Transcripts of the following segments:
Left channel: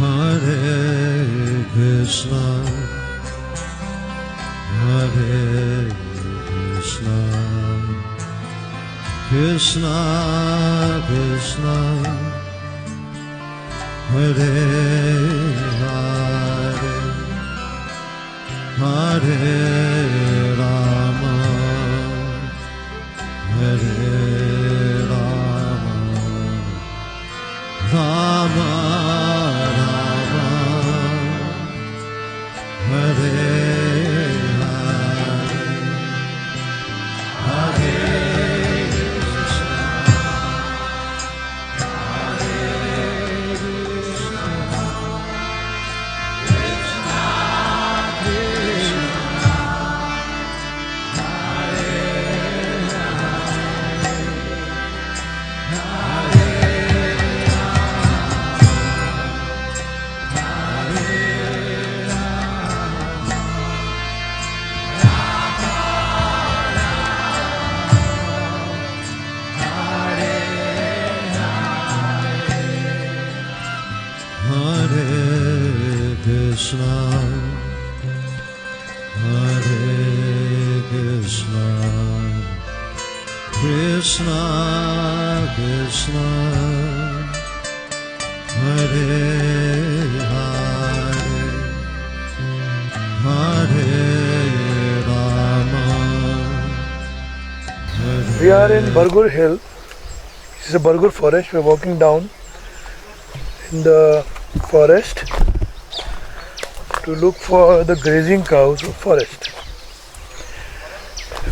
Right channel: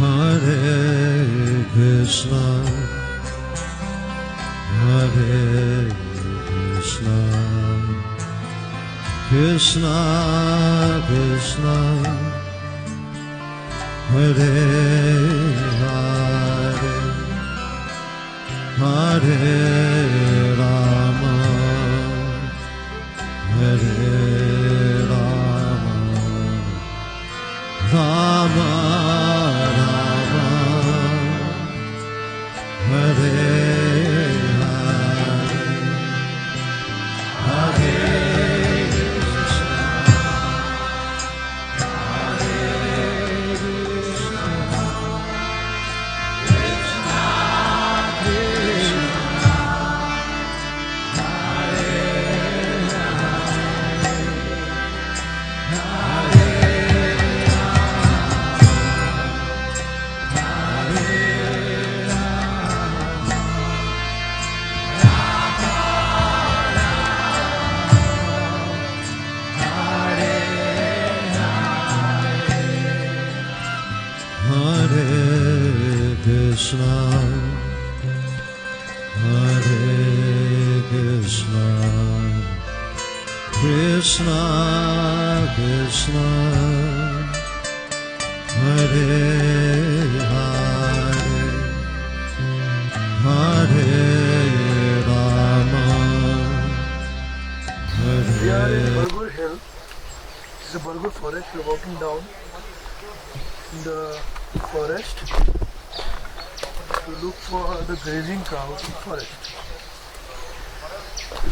Hare Krishna, Hare Krishna, Krishna Krishna, Hare Hare, Hare Rama, Hare Rama, Rama Rama, Hare Hare, Krishna, Hare Krishna, Krishna Krishna, Hare Hare, Hare Rama, Hare. We are in Bargur Hill. This is a Bargur forest. We are walking down in the forest to look for the grazing cows of forest.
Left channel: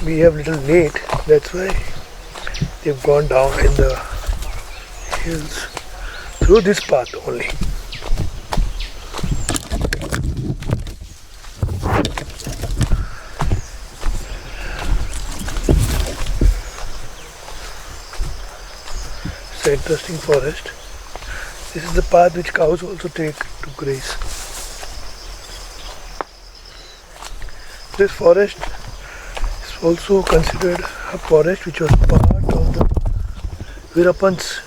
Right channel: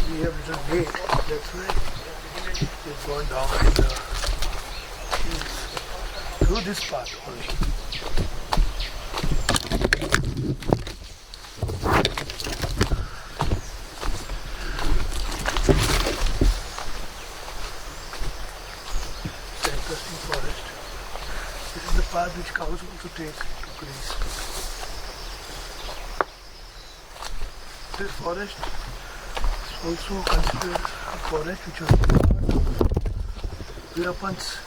We have little late, that's why they've gone down in the hills through this path only. It's an interesting forest. This is the path which cows also take to graze. This forest is also considered a forest which was part of the Virapans.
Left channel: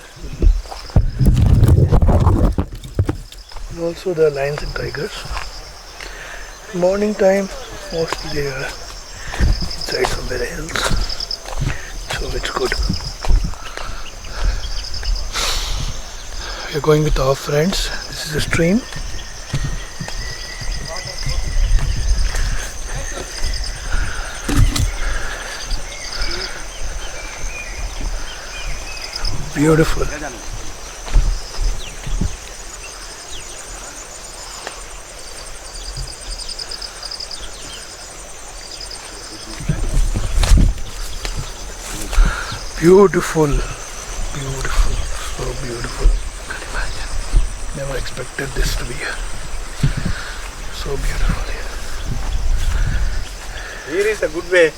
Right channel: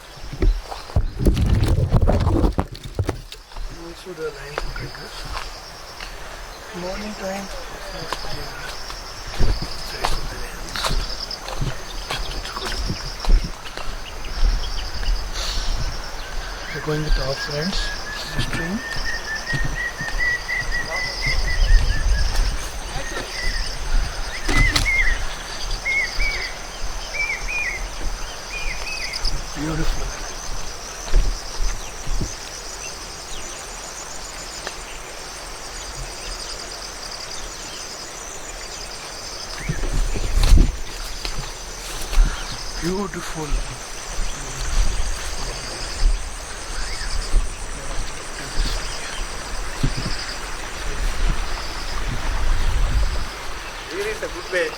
And also the lions and tigers. Morning time, mostly they are inside from the hills. So it's good. We're going with our friends. This is a stream. Beautiful. Beautiful. Beautiful. So beautiful. Nice. Never expected this to be here. So beautiful. Here is a good way.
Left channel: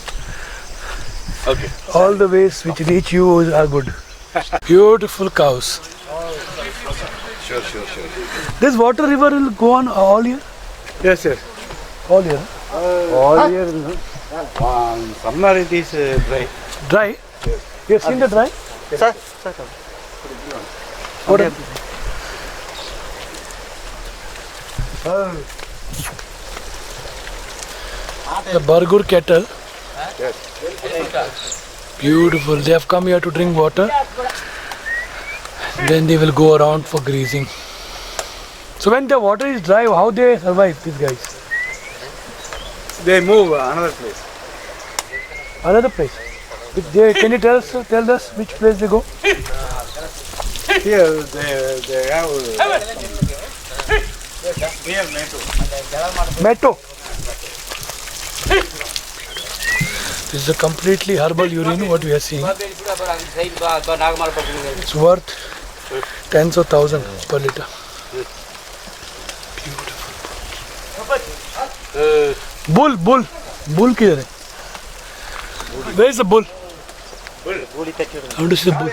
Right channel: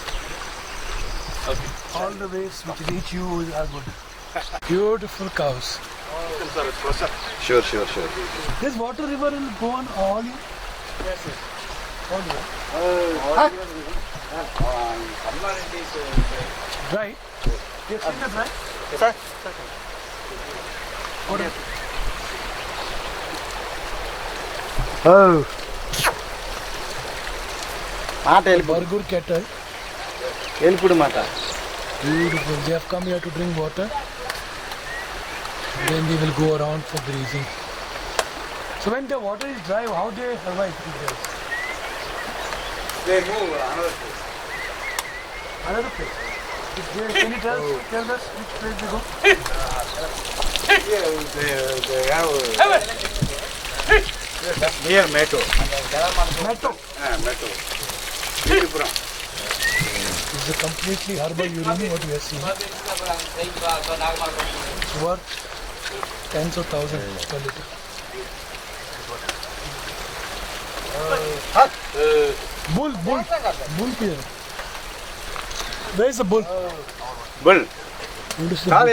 Okay. All the ways which reach you are good. Beautiful cows. Sure. This water river will go on all year? Yes. All year. All year. Summer it is dry. Dry? You have seen the dry? Sir. What? Oh. The Bargur cattle. Beautiful. They have come here to drink water. Then they will go around for grazing. So when the water is dry, how they survive, these guys? They move another place. Another place. If they, can you tell us which place they go? Here they have near Meto. Meto. This is a completely herbal urine what we have seen. It's worth tens of thousands per liter. Bull किधर है? Where is the bull? Bull. How to see the bull?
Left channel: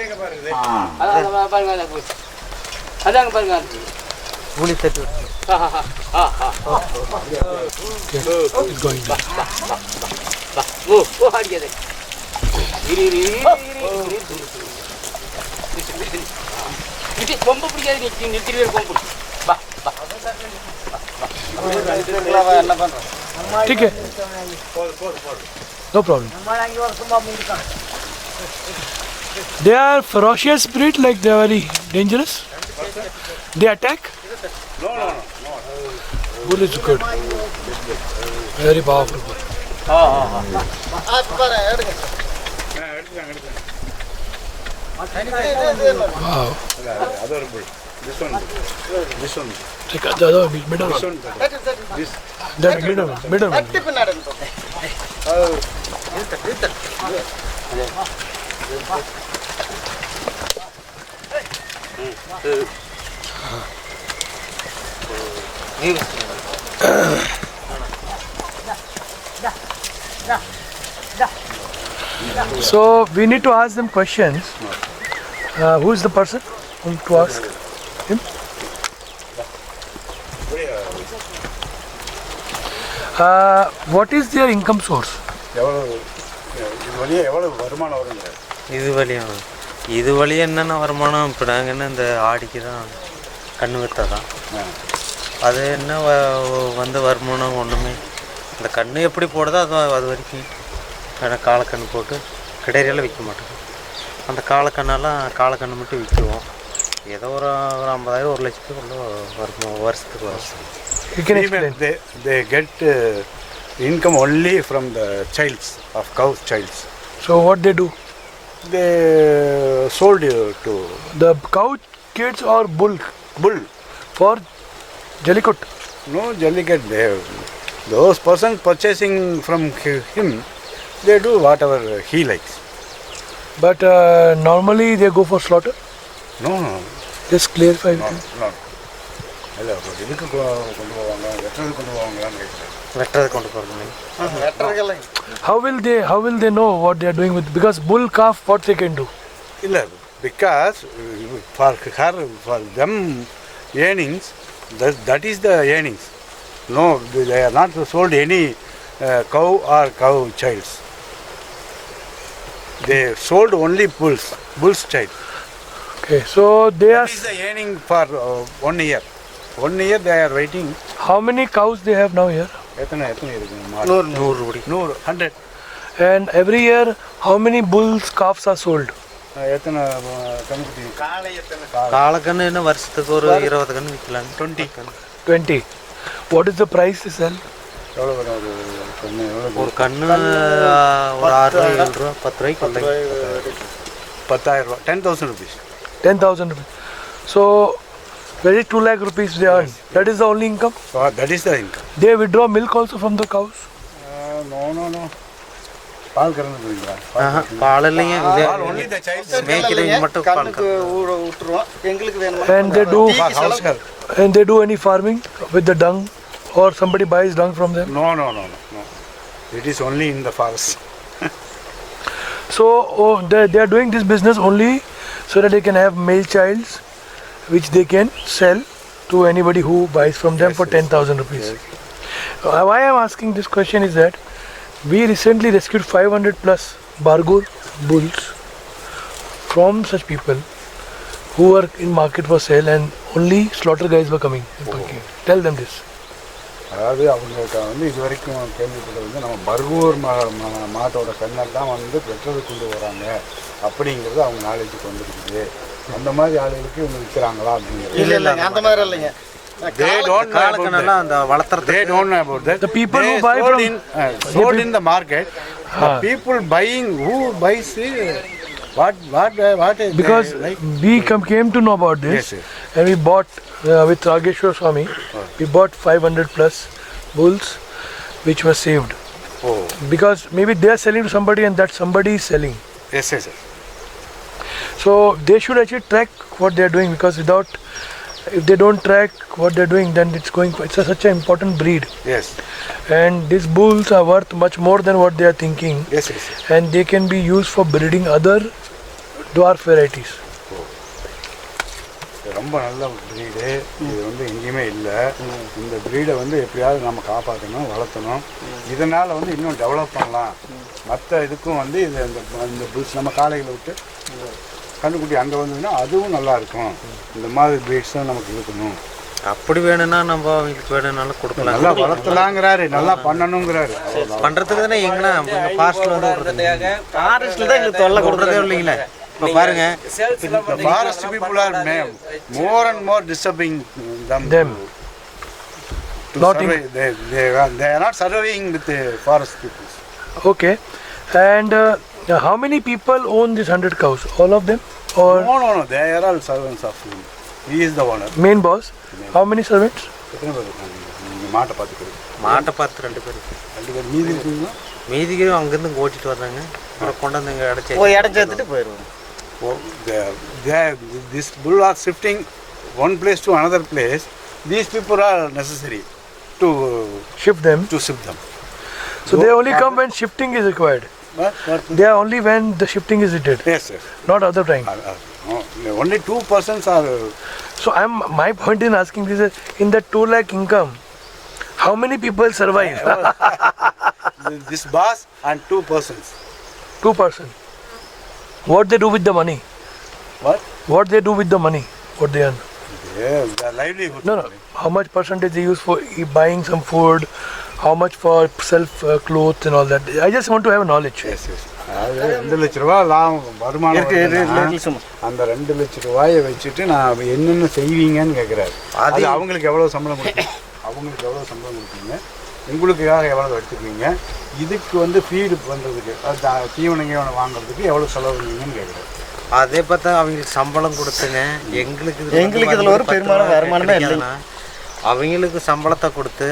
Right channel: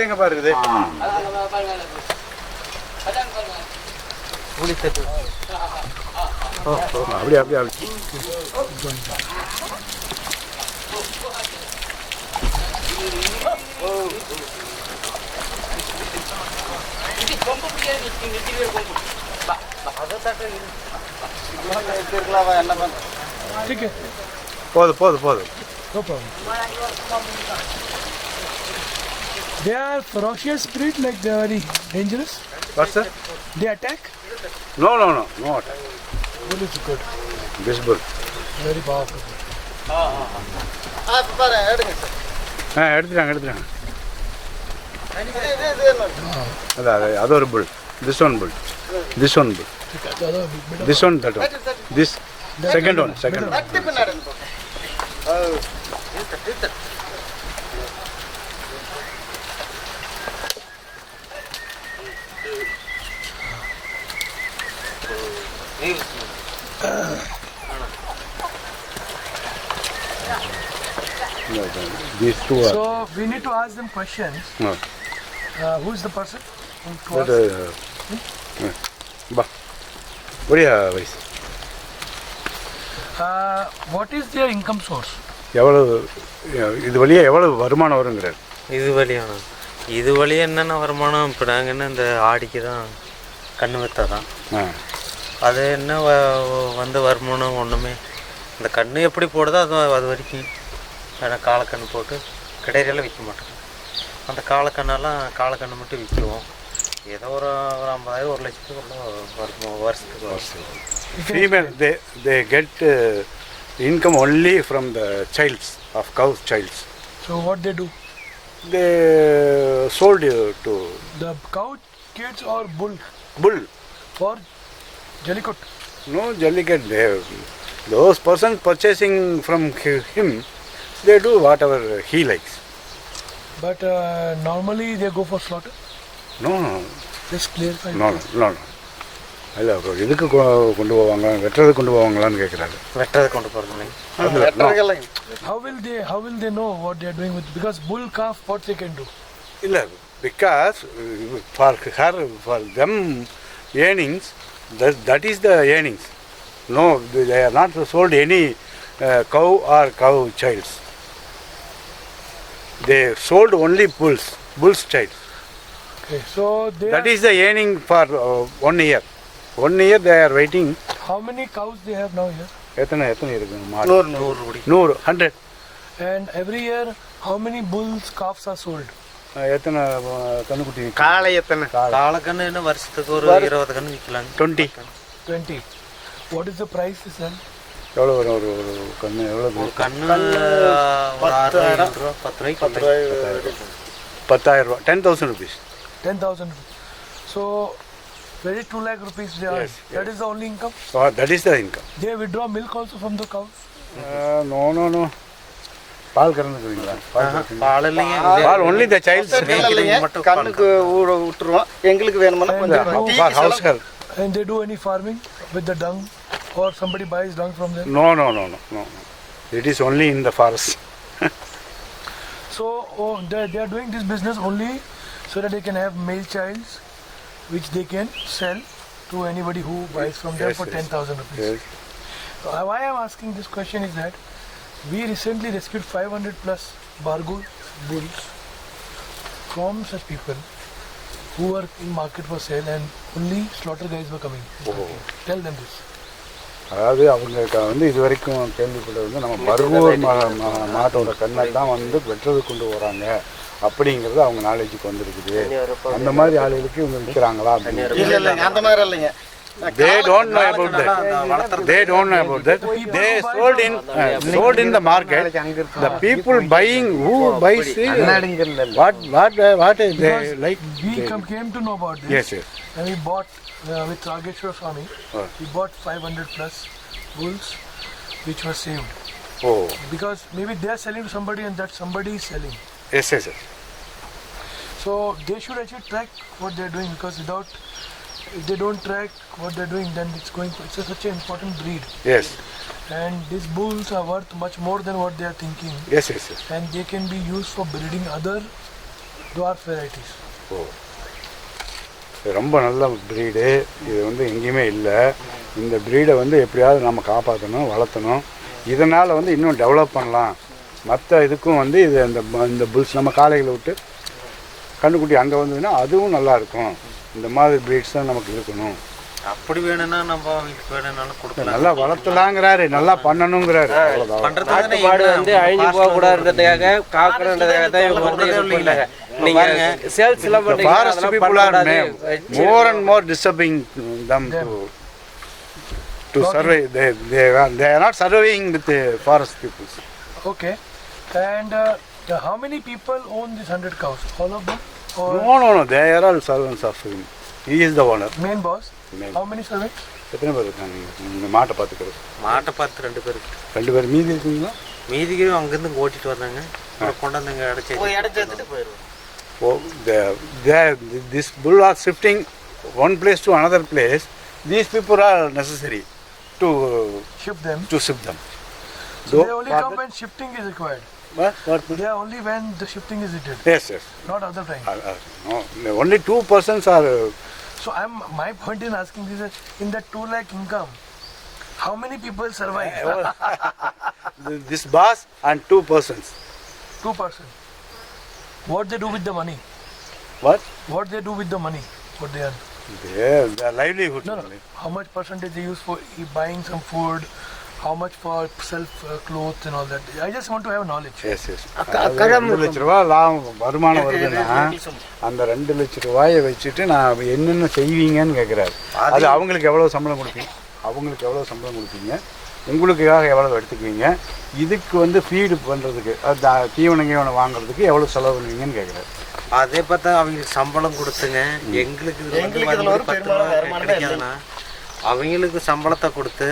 It's going back. ठीक है, போதும் no problem. They are ferocious breed, like they are very dangerous. What's that? They attack. No. Bull is good, This good. very powerful. எடுத்துட்டாங்க Wow. அது ஒரு bull. This one bull. Take the other middle. This one, that one. This. The middle one. Middle one. So we need to ask them questions. No. Who is the person to ask? Him? Ba. What is What is their income source? எவ்வளவு இது வழியாக எவ்வளவு வருமானம் வருங்கிறார்? இது வழியாக என்னென்ன வருமானம்? இப்போ நாங்கள் என்ன இந்த ஆடிக்கு தான் கன்று விற்றா தான் அது என்ன வந்த வருமானம் ஒன்றுமே. இந்த கன்று எப்படி போடுதோ அது வரைக்கும் ஆனால் காலக்கன்று போட்டு கிடையிறெல்லாம் விற்க மாட்டோம். அந்த காலக்கண்ணு மட்டும் விற்குவோம். ஏதோ ஒரு 50,000 1 லட்சத்துக்குள்ள வருஷத்துக்கு. They get income only from the childs of cows childs. So what they do? They sold to The cow kids or bull for Jallikot. no Jallikat. Those persons purchasing from him, they do whatever he likes. But normally they go for slaughter. No. Just clarify. No. இல்லை இதுக்கு கொண்டு போவாங்க, வெட்டுறதுக்கு கொண்டு போவாங்களான்னு கேட்குறாங்க. வெட்டுறதுக்கு கொண்டு போகிறது. How will they know what they are doing with? Because bull calf, what they can do? இல்லை, because for them earnings, that is the earnings. No, they are not sold any cow or cow childs. They sold only bull's child. Okay, so That is the earning for 1 year. 1 year they are waiting. How many cows they have now here? எத்தனை இருக்கு? 100 100. And every year, how many bulls calves are sold? எத்தனை கண்ணுக்குட்டி? காளை எத்தனை? காளைக்கன்று என்ன வருஷத்துக்கு ஒரு 20 கன்று விற்கலாம். 20. What is the price to sell? எவ்வளோ வரும் ஒரு கண்ணு? ஒரு கன்று ஒரு 6 ரூபா 10 ரூபாய்க்கு. 10,000 ரூபா. 10,000 rupees. 10,000 rupees. So, very 2 lakh rupees they earn. That is the only income? So that is the income. They withdraw milk also from the cows? No. பால் கறந்துக்குறீங்களா? பால் இல்லைங்க. பால் only the child மட்டும் கண்ணுக்கு விட்டுருவோம். எங்களுக்கு வேணும்னா house help. And they do any farming with the dung, or somebody buys dung from them? No. It is only in the forest. So they are doing this business only so that they can have male childs which they can sell to anybody who buys from them for 10,000 rupees. Yes. Why I am asking this question is that we recently rescued 500 plus Bargur bulls from such people who were in market for sale, and only slaughter guys were coming. Tell them this. அதாவது அவங்க இது வரைக்கும் கேள்விப்பட்டது நம்ம பர்கூர் மாட்டோட கண்ணை தான் வெட்டுறது கொண்டு வராங்க அப்படிங்கிறது அவங்க நாலேஜுக்கு வந்துருக்குது. அந்த மாதிரி ஆளுகளுக்கு இவங்க விற்கிறாங்களா அப்படின்னு இல்லைங்க, அந்த மாதிரி இல்லைங்க. They don't know about that. They don't know about that. The people they who buy sold in the market. The people buying, who buys what Because they like. we came to know about this. Yes. And we bought with Rageshwar Swami, we bought 500 plus bulls which were saved. Oh. Because maybe they are selling to somebody and that somebody is selling. Yes. So they should actually track what they are doing, because if they don't track what they are doing, then it's such an important breed. Yes. And these bulls are worth much more than what they are thinking. Yes. And they can be used for breeding other dwarf varieties. Oh. ரொம்ப நல்ல breed. இது எங்கேயுமே இல்லை. இந்த ப்ரீடை எப்படியாவது நம்ம காப்பாற்றணும், வளர்த்தணும். இதனால் இன்னும் டெவலப் பண்ணலாம். மற்ற இதுக்கும் இது இந்த புல்ஸ் நம்ம காளைகளை விட்டு கண்ணுக்குட்டி அங்கே வந்ததுன்னா அதுவும் நல்லாயிருக்கும். இந்த மாதிரி ப்ரீட்ஸ் தான் நமக்கு இருக்கணும் அப்படி வேணும்னா நம்ம அவங்களுக்கு வேணும்னாலும் கொடுக்கலாம். நல்லா வளர்த்தலாங்கிறாரு, நல்லா பண்ணணுங்கிறாரு. அவ்வளோதான். பண்ணுறதுக்கு தானே இல்லைங்களா பாருங்க. The forest people are more and more disturbing them to survey. They are not surveying with the forest people. Okay. And how many people own these 100 cows? All of them? Or No. They are all servants of him. He is the owner. main boss? How many servants? எத்தனை பேர் இருக்காங்க நீங்கள் மாட்டை பார்த்துக்கிறது? மாட்டை பார்த்து 2 பேர் இருக்கு. 2 பேர். மீதி இருக்குங்களா? மீதிக்கு அங்கேருந்து ஓட்டிட்டு வர்றாங்க, அப்புறம் கொண்டாந்து இங்கே அடைச்சி எடுத்துட்டு போயிடுவோம். This bull are shifting one place to another place. These people are necessary to Shift them. shift them. So they only come when shifting is required. What? They are only when the shifting is needed, Yes. not other time. No, only 2 persons are. So my point in asking this is, in that 2 lakh income, how many people survive? This boss and 2 persons. 2 person. What they do with the money? What they do with the money? What they earn? Their livelihood. No. How much percentage they use for buying some food? How much for self clothes and all that? I just want to have knowledge. Yes. அதாவது 2 லட்ச ரூபா வருமானம் வருதுன்னா, அந்த 2 லட்ச ரூபாயை வச்சுட்டு நான் என்னென்ன செய்வீங்கன்னு கேட்குறாரு. அது அவங்களுக்கு எவ்வளோ சம்பளம் கொடுப்பீங்க, உங்களுக்காக எவ்வளோ எடுத்துக்குவீங்க, இதுக்கு வந்து ஃபீடு பண்ணுறதுக்கு, அது தீவனம் வாங்குறதுக்கு எவ்வளோ செலவு பண்ணுவீங்கன்னு கேட்குறாரு. அதே பார்த்தா அவங்களுக்கு சம்பளம் கொடுத்துங்க, எங்களுக்கு இதில் ஒரு பெரும்பாலும் வருமானமே இல்லைன்னா அவங்களுக்கு சம்பளத்தை கொடுத்து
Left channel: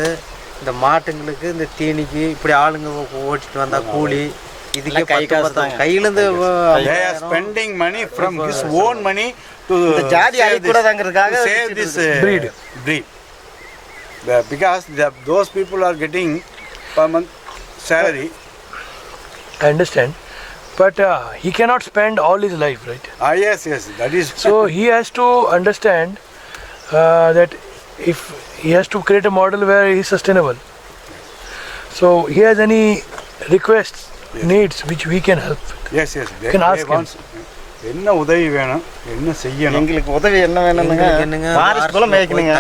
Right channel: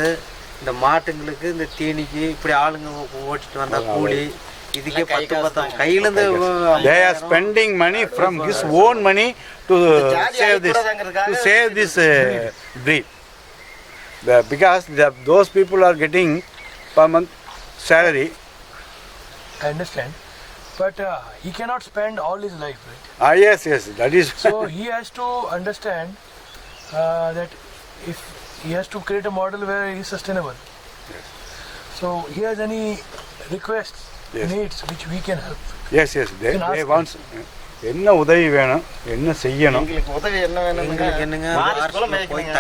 இந்த மாட்டுங்களுக்கு இந்த தீனிக்கு இப்படி ஆளுங்க ஓட்டிட்டு வந்தா கூலி இதுக்கே கையிலேருந்து they are spending money from his own money to save this breed. Because those people are getting per month salary. I understand, but he cannot spend all his life, right? Yes, that is. So he has to understand that if he has to create a model where he is sustainable. So he has any requests, needs which we can help. Yes. They want. என்ன உதவி வேணும், என்ன செய்யணும், எங்களுக்கு உதவி என்ன வேணும்னுங்க, forest போல மேய்க்கணுங்க,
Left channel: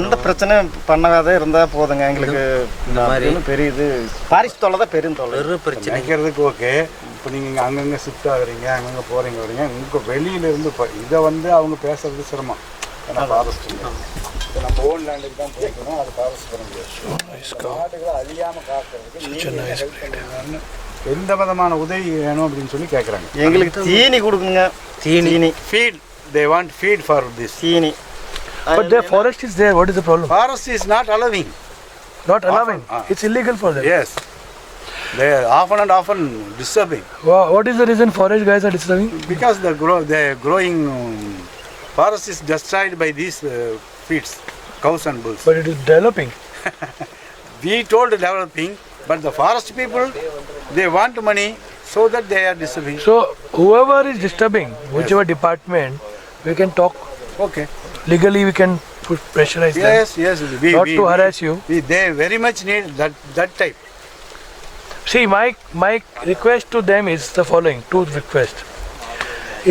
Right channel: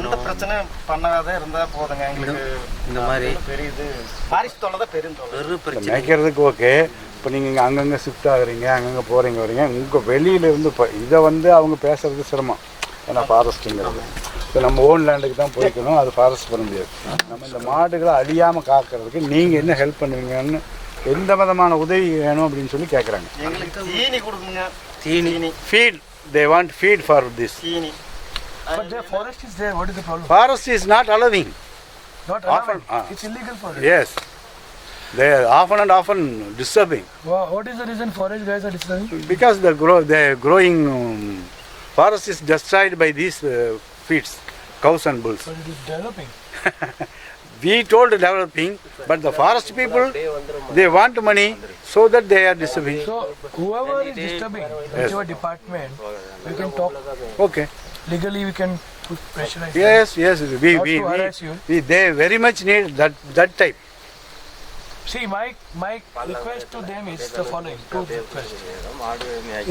எந்த பிரச்சனை பண்ணாத இருந்தா போதுங்க. எங்களுக்கு இந்த மாதிரி பெரிய இது ஃபாரஸ்ட் தொல்லை தான் பெரும் தொல்லை. மேய்க்கிறதுக்கு ஓகே. இப்போ நீங்கள் இங்கே அங்கங்கே ஷிஃப்ட் ஆகுறீங்க, அங்கங்கே போகிறீங்க வரீங்க, உங்கள் வெளியிலேருந்து இப்போ இதை வந்து அவங்க பேசுறது சிரமம். ஏன்னா ஃபாரஸ்ட்டுங்கிறது இப்போ நம்ம ஓன் லேண்டுக்கு தான் போய்க்கணும், அது ஃபாரஸ்ட் பண்ண முடியாது. இந்த மாடுகளை அழியாமல் காக்கிறதுக்கு நீங்கள் என்ன ஹெல்ப் பண்ணுவீங்கன்னு, எந்த விதமான உதவி வேணும் அப்படின்னு சொல்லி கேட்குறாங்க. எங்களுக்கு தீனி கொடுக்குங்க, தீனி feet. They want feed for this. தீனி. But the forest is there. What is the problem? Forest is not allowing. Not allowing. It's illegal for them. Yes. They are often disturbing. What is the reason forest guys are disturbing? Because the growing forest is destroyed by these feeds, cows and bulls. But it is developing. We told developing, but the forest people, they want money, so that they are disturbing. So whoever is disturbing, whichever department, we can talk. Okay. Legally we can pressurize them. Yes. Not to harass you. They very much need that type. See, my request to them is the following, 2 requests.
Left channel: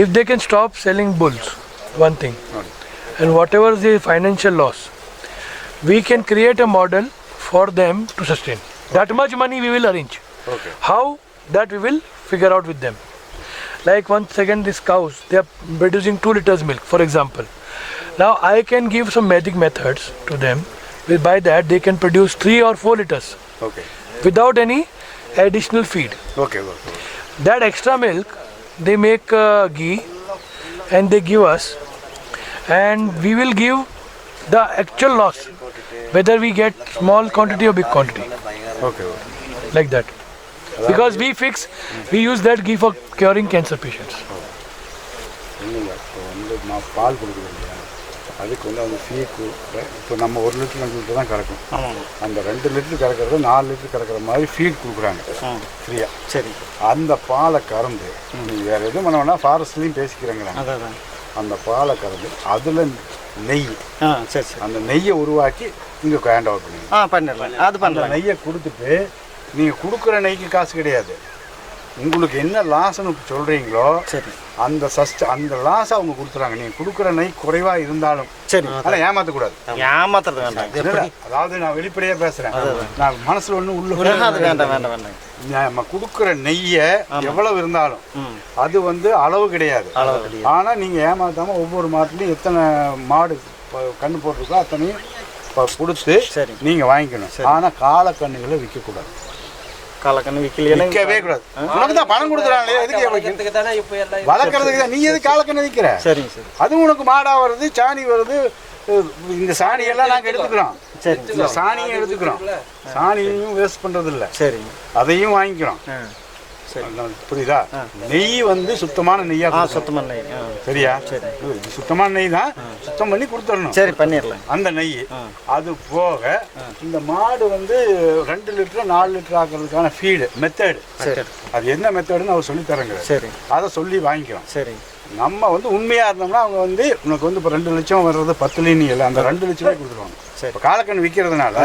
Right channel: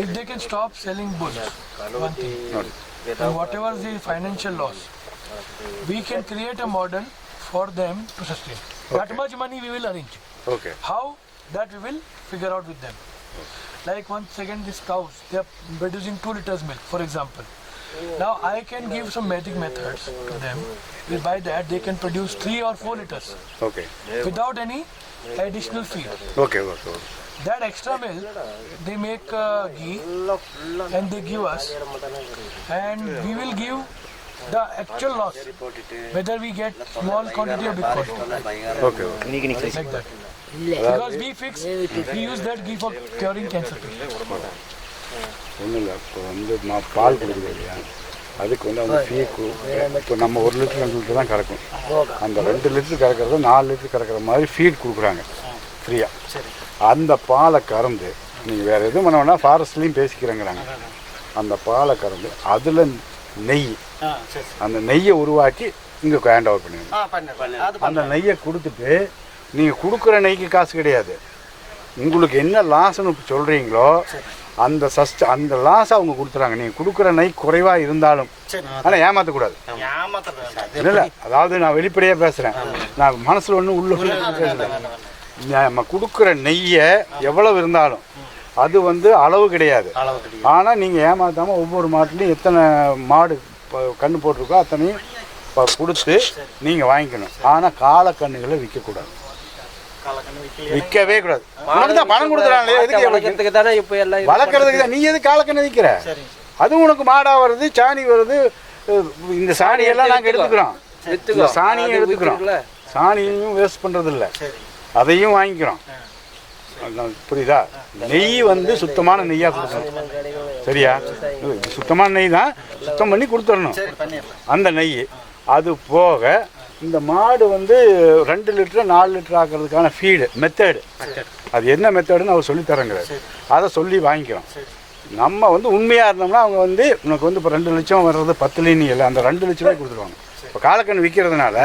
If they can stop selling bulls, one thing, and whatever is the financial loss, we can create a model for them to sustain. That much money we will arrange. Okay. How? That we will figure out with them. Like once again, these cows, they are producing 2 liters milk, for example. Now I can give some magic methods to them. By that they can produce 3 or 4 liters. Okay. Without any additional feed. Okay. That extra milk they make ghee and they give us, and we will give the actual loss, whether we get small quantity or big quantity. Okay. Like that. Because we use that ghee for curing cancer patients. ஒன்றும் இல்லை. இப்போ வந்து பால் கொடுக்குது இல்லையா, அதுக்கு வந்து அந்த ஃபீக்கு இப்போ நம்ம 1 லிட்டர் 2 லிட்டர் தான் கறக்கும். அந்த 2 லிட்டர் கறக்கிறது 4 லிட்டர் கறக்கிற மாதிரி ஃபீட் கொடுக்குறாங்க ஃப்ரீயாக. சரி. அந்த பாலை கறந்து நீங்கள் வேறு எதுவும் பண்ண வேணால் ஃபாரஸ்ட்லேயும் பேசிக்கிறாங்கிறாங்க. அந்த பாலை கறந்து அதில் நெய், சரி, அந்த நெய்யை உருவாக்கி இங்கே ஹேண்ட் ஓவர் பண்ணுவீங்க. பண்ணிடலாம். அது அந்த நெய்யை கொடுத்துட்டு நீங்கள் கொடுக்குற நெய்க்கு காசு கிடையாது, உங்களுக்கு என்ன லாஸ்ன்னு சொல்கிறீங்களோ அந்த அந்த லாஸ் அவங்க கொடுத்துறாங்க. நீங்கள் கொடுக்குற நெய் குறைவாக இருந்தாலும் சரி, ஆனால் ஏமாற்றக்கூடாது. ஏமாத்துறது வேண்டாம். இல்லை, அதாவது நான் வெளிப்படையாக பேசுகிறேன், நான் மனசில் ஒன்றும் உள்ள வேண்டாம் வேண்டாம் வேண்டாம். நம்ம கொடுக்குற நெய்யை எவ்வளவு இருந்தாலும் அது வந்து அளவு கிடையாது. ஆனால் நீங்கள் ஏமாற்றாமல் ஒவ்வொரு மாட்டுலையும் எத்தனை மாடு கன்று போட்டிருக்கோ அத்தனையும் கொடுத்து நீங்கள் வாங்கிக்கணும். ஆனால் காலக்கண்ணுகளை விற்கக்கூடாது. காலக்கண்ணு விற்கவே கூடாது. உனக்கு தான் பணம் கொடுக்குறாங்களே, எதுக்கு வளர்க்குறதுக்கு தான். நீ எதுக்கு காலக்கண்ணு விற்கிற? சரி, அது உனக்கு மாடா வருது, சாணி வருது. இந்த சாணியெல்லாம் நாங்கள் எடுத்துக்கிறோம். இந்த சாணியும் எடுத்துக்கிறோம். சாணியையும் வேஸ்ட் பண்ணுறது இல்லை, சரி, அதையும் வாங்கிக்கிறோம். புரியுதா? நெய் வந்து சுத்தமான நெய்யா, சுத்தமான நெய். சரியா? இது சுத்தமான நெய் தான், சுத்தம் பண்ணி கொடுத்துடணும். சரி, பண்ணிடலாம். அந்த நெய் அது போக இந்த மாடு வந்து 2 லிட்டர் 4 லிட்டர் ஆக்குறதுக்கான ஃபீடு மெத்தடு, அது என்ன மெத்தடுன்னு அவர் சொல்லி தரங்க. அதை சொல்லி வாங்கிக்கிறோம். சரி, நம்ம வந்து உண்மையாக இருந்தோம்னா அவங்க வந்து உனக்கு வந்து இப்போ 2 லட்சம் வர்றது 10 லினி இல்லை, அந்த 2 லட்ச ரூபாய் கொடுத்துருவாங்க. இப்போ காலக்கண் விற்கிறதுனால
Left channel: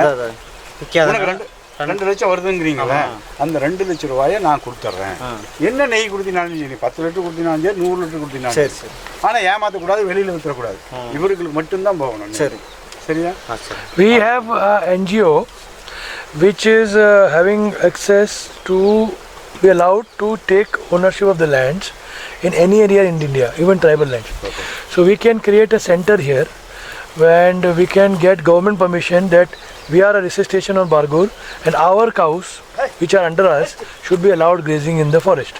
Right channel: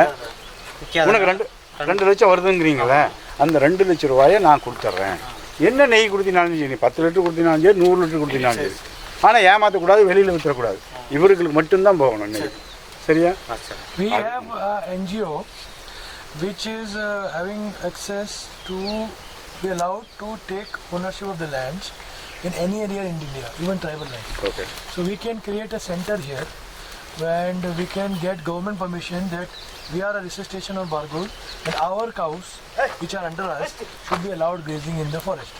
உனக்கு 2 லட்சம் வருதுங்கிறீங்களே, அந்த 2 லட்ச ரூபாயை நான் கொடுத்துட்றேன். என்ன நெய் கொடுத்தினாலும் சரி, 10 லிட்டர் கொடுத்தினாலும் சரி, 100 லிட்டர் கொடுத்தினாலும் சரி. ஆனால் ஏமாற்றக்கூடாது, வெளியில் விற்றுறக்கூடாது. இவர்களுக்கு மட்டும்தான் போகணும். சரியா? We have an NGO which is having access to be allowed to take ownership of the lands in any area in India, even tribal land. Okay. So we can create a center here and we can get government permission that we are a research station on Bargur and our cows which are under us should be allowed grazing in the forest.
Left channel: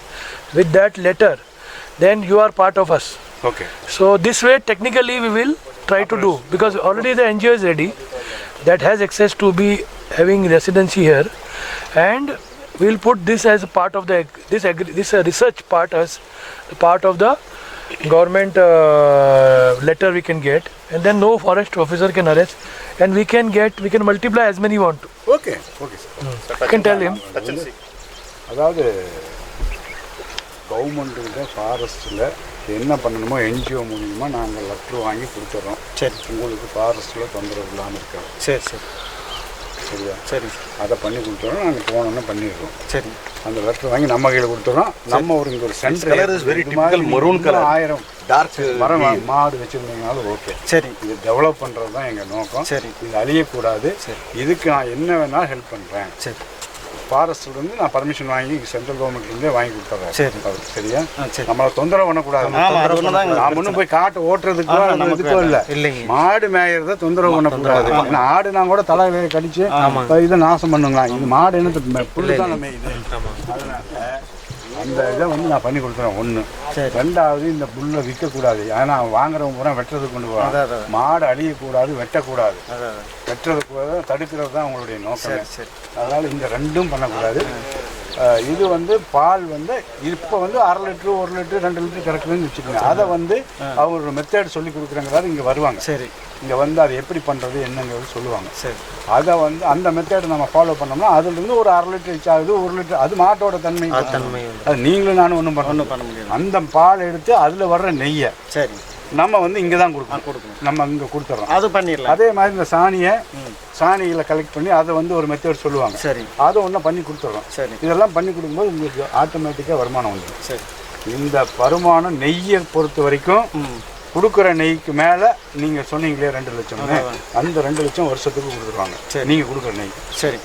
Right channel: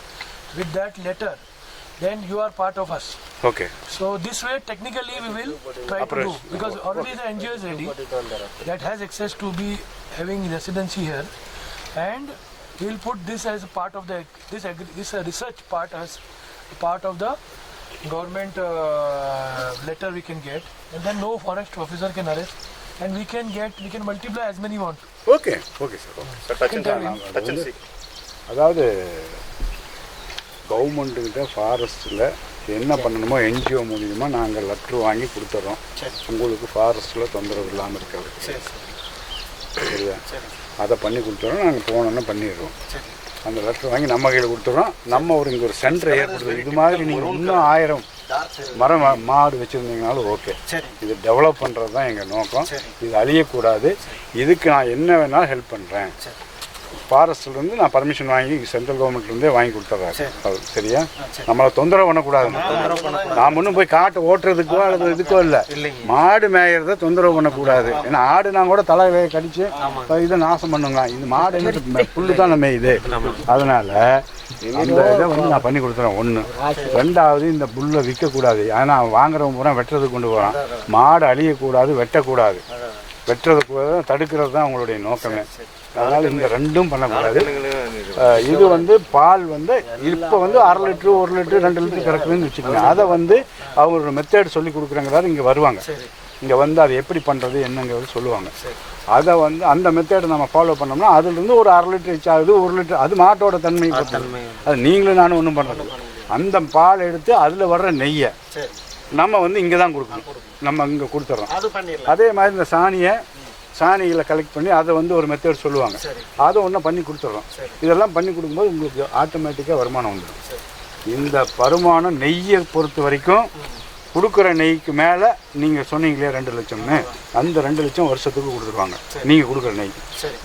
With that letter, then you are part of us. Okay. So this way technically we will try to do, because already the NGO is ready that has access to be having residency here, and we will put this as a part of the this research part as part of the government letter we can get, and then no forest officer can arrest, and we can multiply as many want to. Okay, okay sir. You can tell him. அதாவது கவர்மெண்ட்டுக்கிட்ட ஃபாரஸ்ட்டில் என்ன பண்ணணுமோ NGO மூலியமாக நாங்கள் letter வாங்கி கொடுத்துட்றோம். சரி, உங்களுக்கு ஃபாரஸ்ட்டில் தொந்தரவு இல்லாமல் இருக்கிறது. சரி சரி, சரியா? சரி, அதை பண்ணி கொடுத்துட்றோம். நாங்கள் போனோன்னு பண்ணிடுறோம். சரி, அந்த லெட்ரு வாங்கி நம்ம கையில் கொடுத்துட்றோம். நம்ம இங்கே ஒரு சென்டர் இது மாதிரி 1000 மரம் மாடு வச்சுருந்தீங்கனாலும் ஓகே. சரி, இது டெவலப் பண்ணுறது தான் எங்கள் நோக்கம். சரி, இது அழியக்கூடாது. இதுக்கு நான் என்ன வேணாலும் ஹெல்ப் பண்ணுறேன். சரி, ஃபாரஸ்ட்லேருந்து நான் பர்மிஷன் வாங்கி சென்ட்ரல் கவர்மெண்ட்லேருந்தே வாங்கி கொடுத்துட்றேன். சரி, சரியா? நம்மளை தொந்தரவு பண்ணக்கூடாது. நான் ஒன்றும் போய் காட்டு ஓட்டுறதுக்கோ அல்லது இதுக்கோ இல்லை, மாடு மேயறத தொந்தரவு பண்ணக்கூடாது. ஏன்னா ஆடுனா கூட தலை கடிச்சு இதை நாசம் பண்ணுங்களாம். இது மாடு என்ன புல்லு தான் மேயுது. அதனால அந்த இதை வந்து நான் பண்ணி கொடுத்துறேன். 1. 2வது இந்த புல்லை விற்கக்கூடாது. ஏன்னா வாங்குறவங்க பூரா வெட்டுறதுக்கு கொண்டு போகிறான். மாடு அழியக்கூடாது, வெட்டக்கூடாது. வெட்டுறதுக்கு தடுக்கிறது தான் உங்களுடைய நோக்கமே. அதனால் இந்த 2ம் பண்ணக்கூடாது. இது வந்து பால் வந்து இப்போ வந்து 1/2 லிட்டரு 1 லிட்டரு 2 லிட்டரு கறக்குதுன்னு வச்சுக்கோங்க. அதை வந்து அவங்களோட மெத்தட் சொல்லி கொடுக்குறங்கிறாரு. இங்கே வருவாங்க. இங்கே வந்து அதை எப்படி பண்ணுறது என்னங்கிறது சொல்லுவாங்க. அதை வந்து அந்த மெத்தேடை நம்ம ஃபாலோ பண்ணோம்னா அதுலேருந்து ஒரு 1/2 லிட்டர் ரீச் ஆகுது, 1 லிட்டர். அது மாட்டோட தன்மை. அது நீங்களும் நானும் ஒன்றும் பண்ணணும். அந்த பால் எடுத்து அதில் வர்ற நெய்யை நம்ம வந்து இங்கே தான் கொடுக்கணும். நம்ம இங்கே கொடுத்துட்றோம். அது பண்ணிடலாம். அதே மாதிரி இந்த சாணிகளை கலெக்ட் பண்ணி அதை வந்து ஒரு மெத்தேட் சொல்லுவாங்க. அதை ஒன்றும் பண்ணி கொடுத்துட்றோம். இதெல்லாம் பண்ணி கொடுக்கும்போது உங்களுக்கு ஆட்டோமேட்டிக்காக வருமானம் வந்துடும். இந்த வருமானம் நெய்யை பொறுத்த வரைக்கும் கொடுக்குற நெய்க்கு மேலே நீங்கள் சொன்னீங்களே 2 லட்சம்னு, அந்த 2 லட்சம் வருஷத்துக்கு கொடுத்துருவாங்க. நீங்கள் கொடுக்குற நெய்.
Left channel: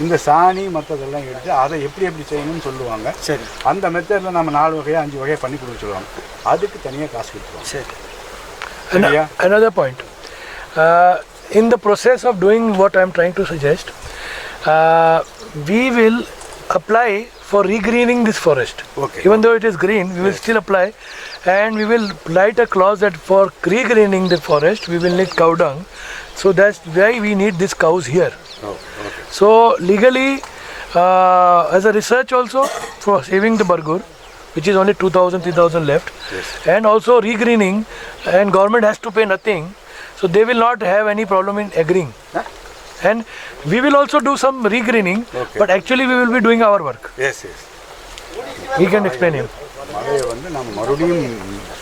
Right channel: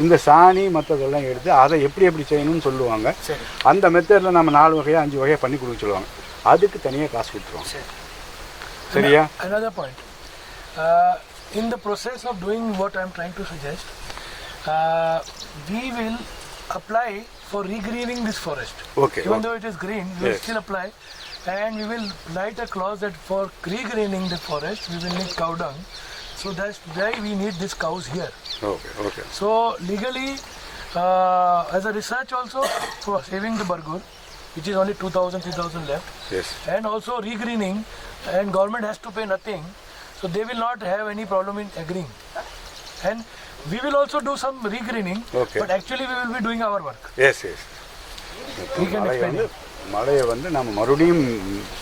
இந்த சாணி மற்றதெல்லாம் எடுத்து அதை எப்படி செய்யணும்னு சொல்லுவாங்க. அந்த மெத்தடில் நம்ம 4 வகையாக 5 வகையாக பண்ணி கொடுக்க சொல்லுவாங்க. அதுக்கு தனியாக காசு கொடுத்துருவாங்க. சரியா? Another point. In the process of doing what I am trying to suggest, we will apply for regreening this forest. Okay. Even though it is green, we will still apply, and we will write a clause that for regreening the forest, we will need cow dung. So that's why we need these cows here. Okay. So legally, as a research also for saving the Bargur, which is only 2,000-3,000 left, and also regreening, and government has to pay nothing, so they will not have any problem in agreeing. And we will also do some regreening, but actually we will be doing our work. Yes. He can explain it. மலையை வந்து நம்ம மறுபடியும்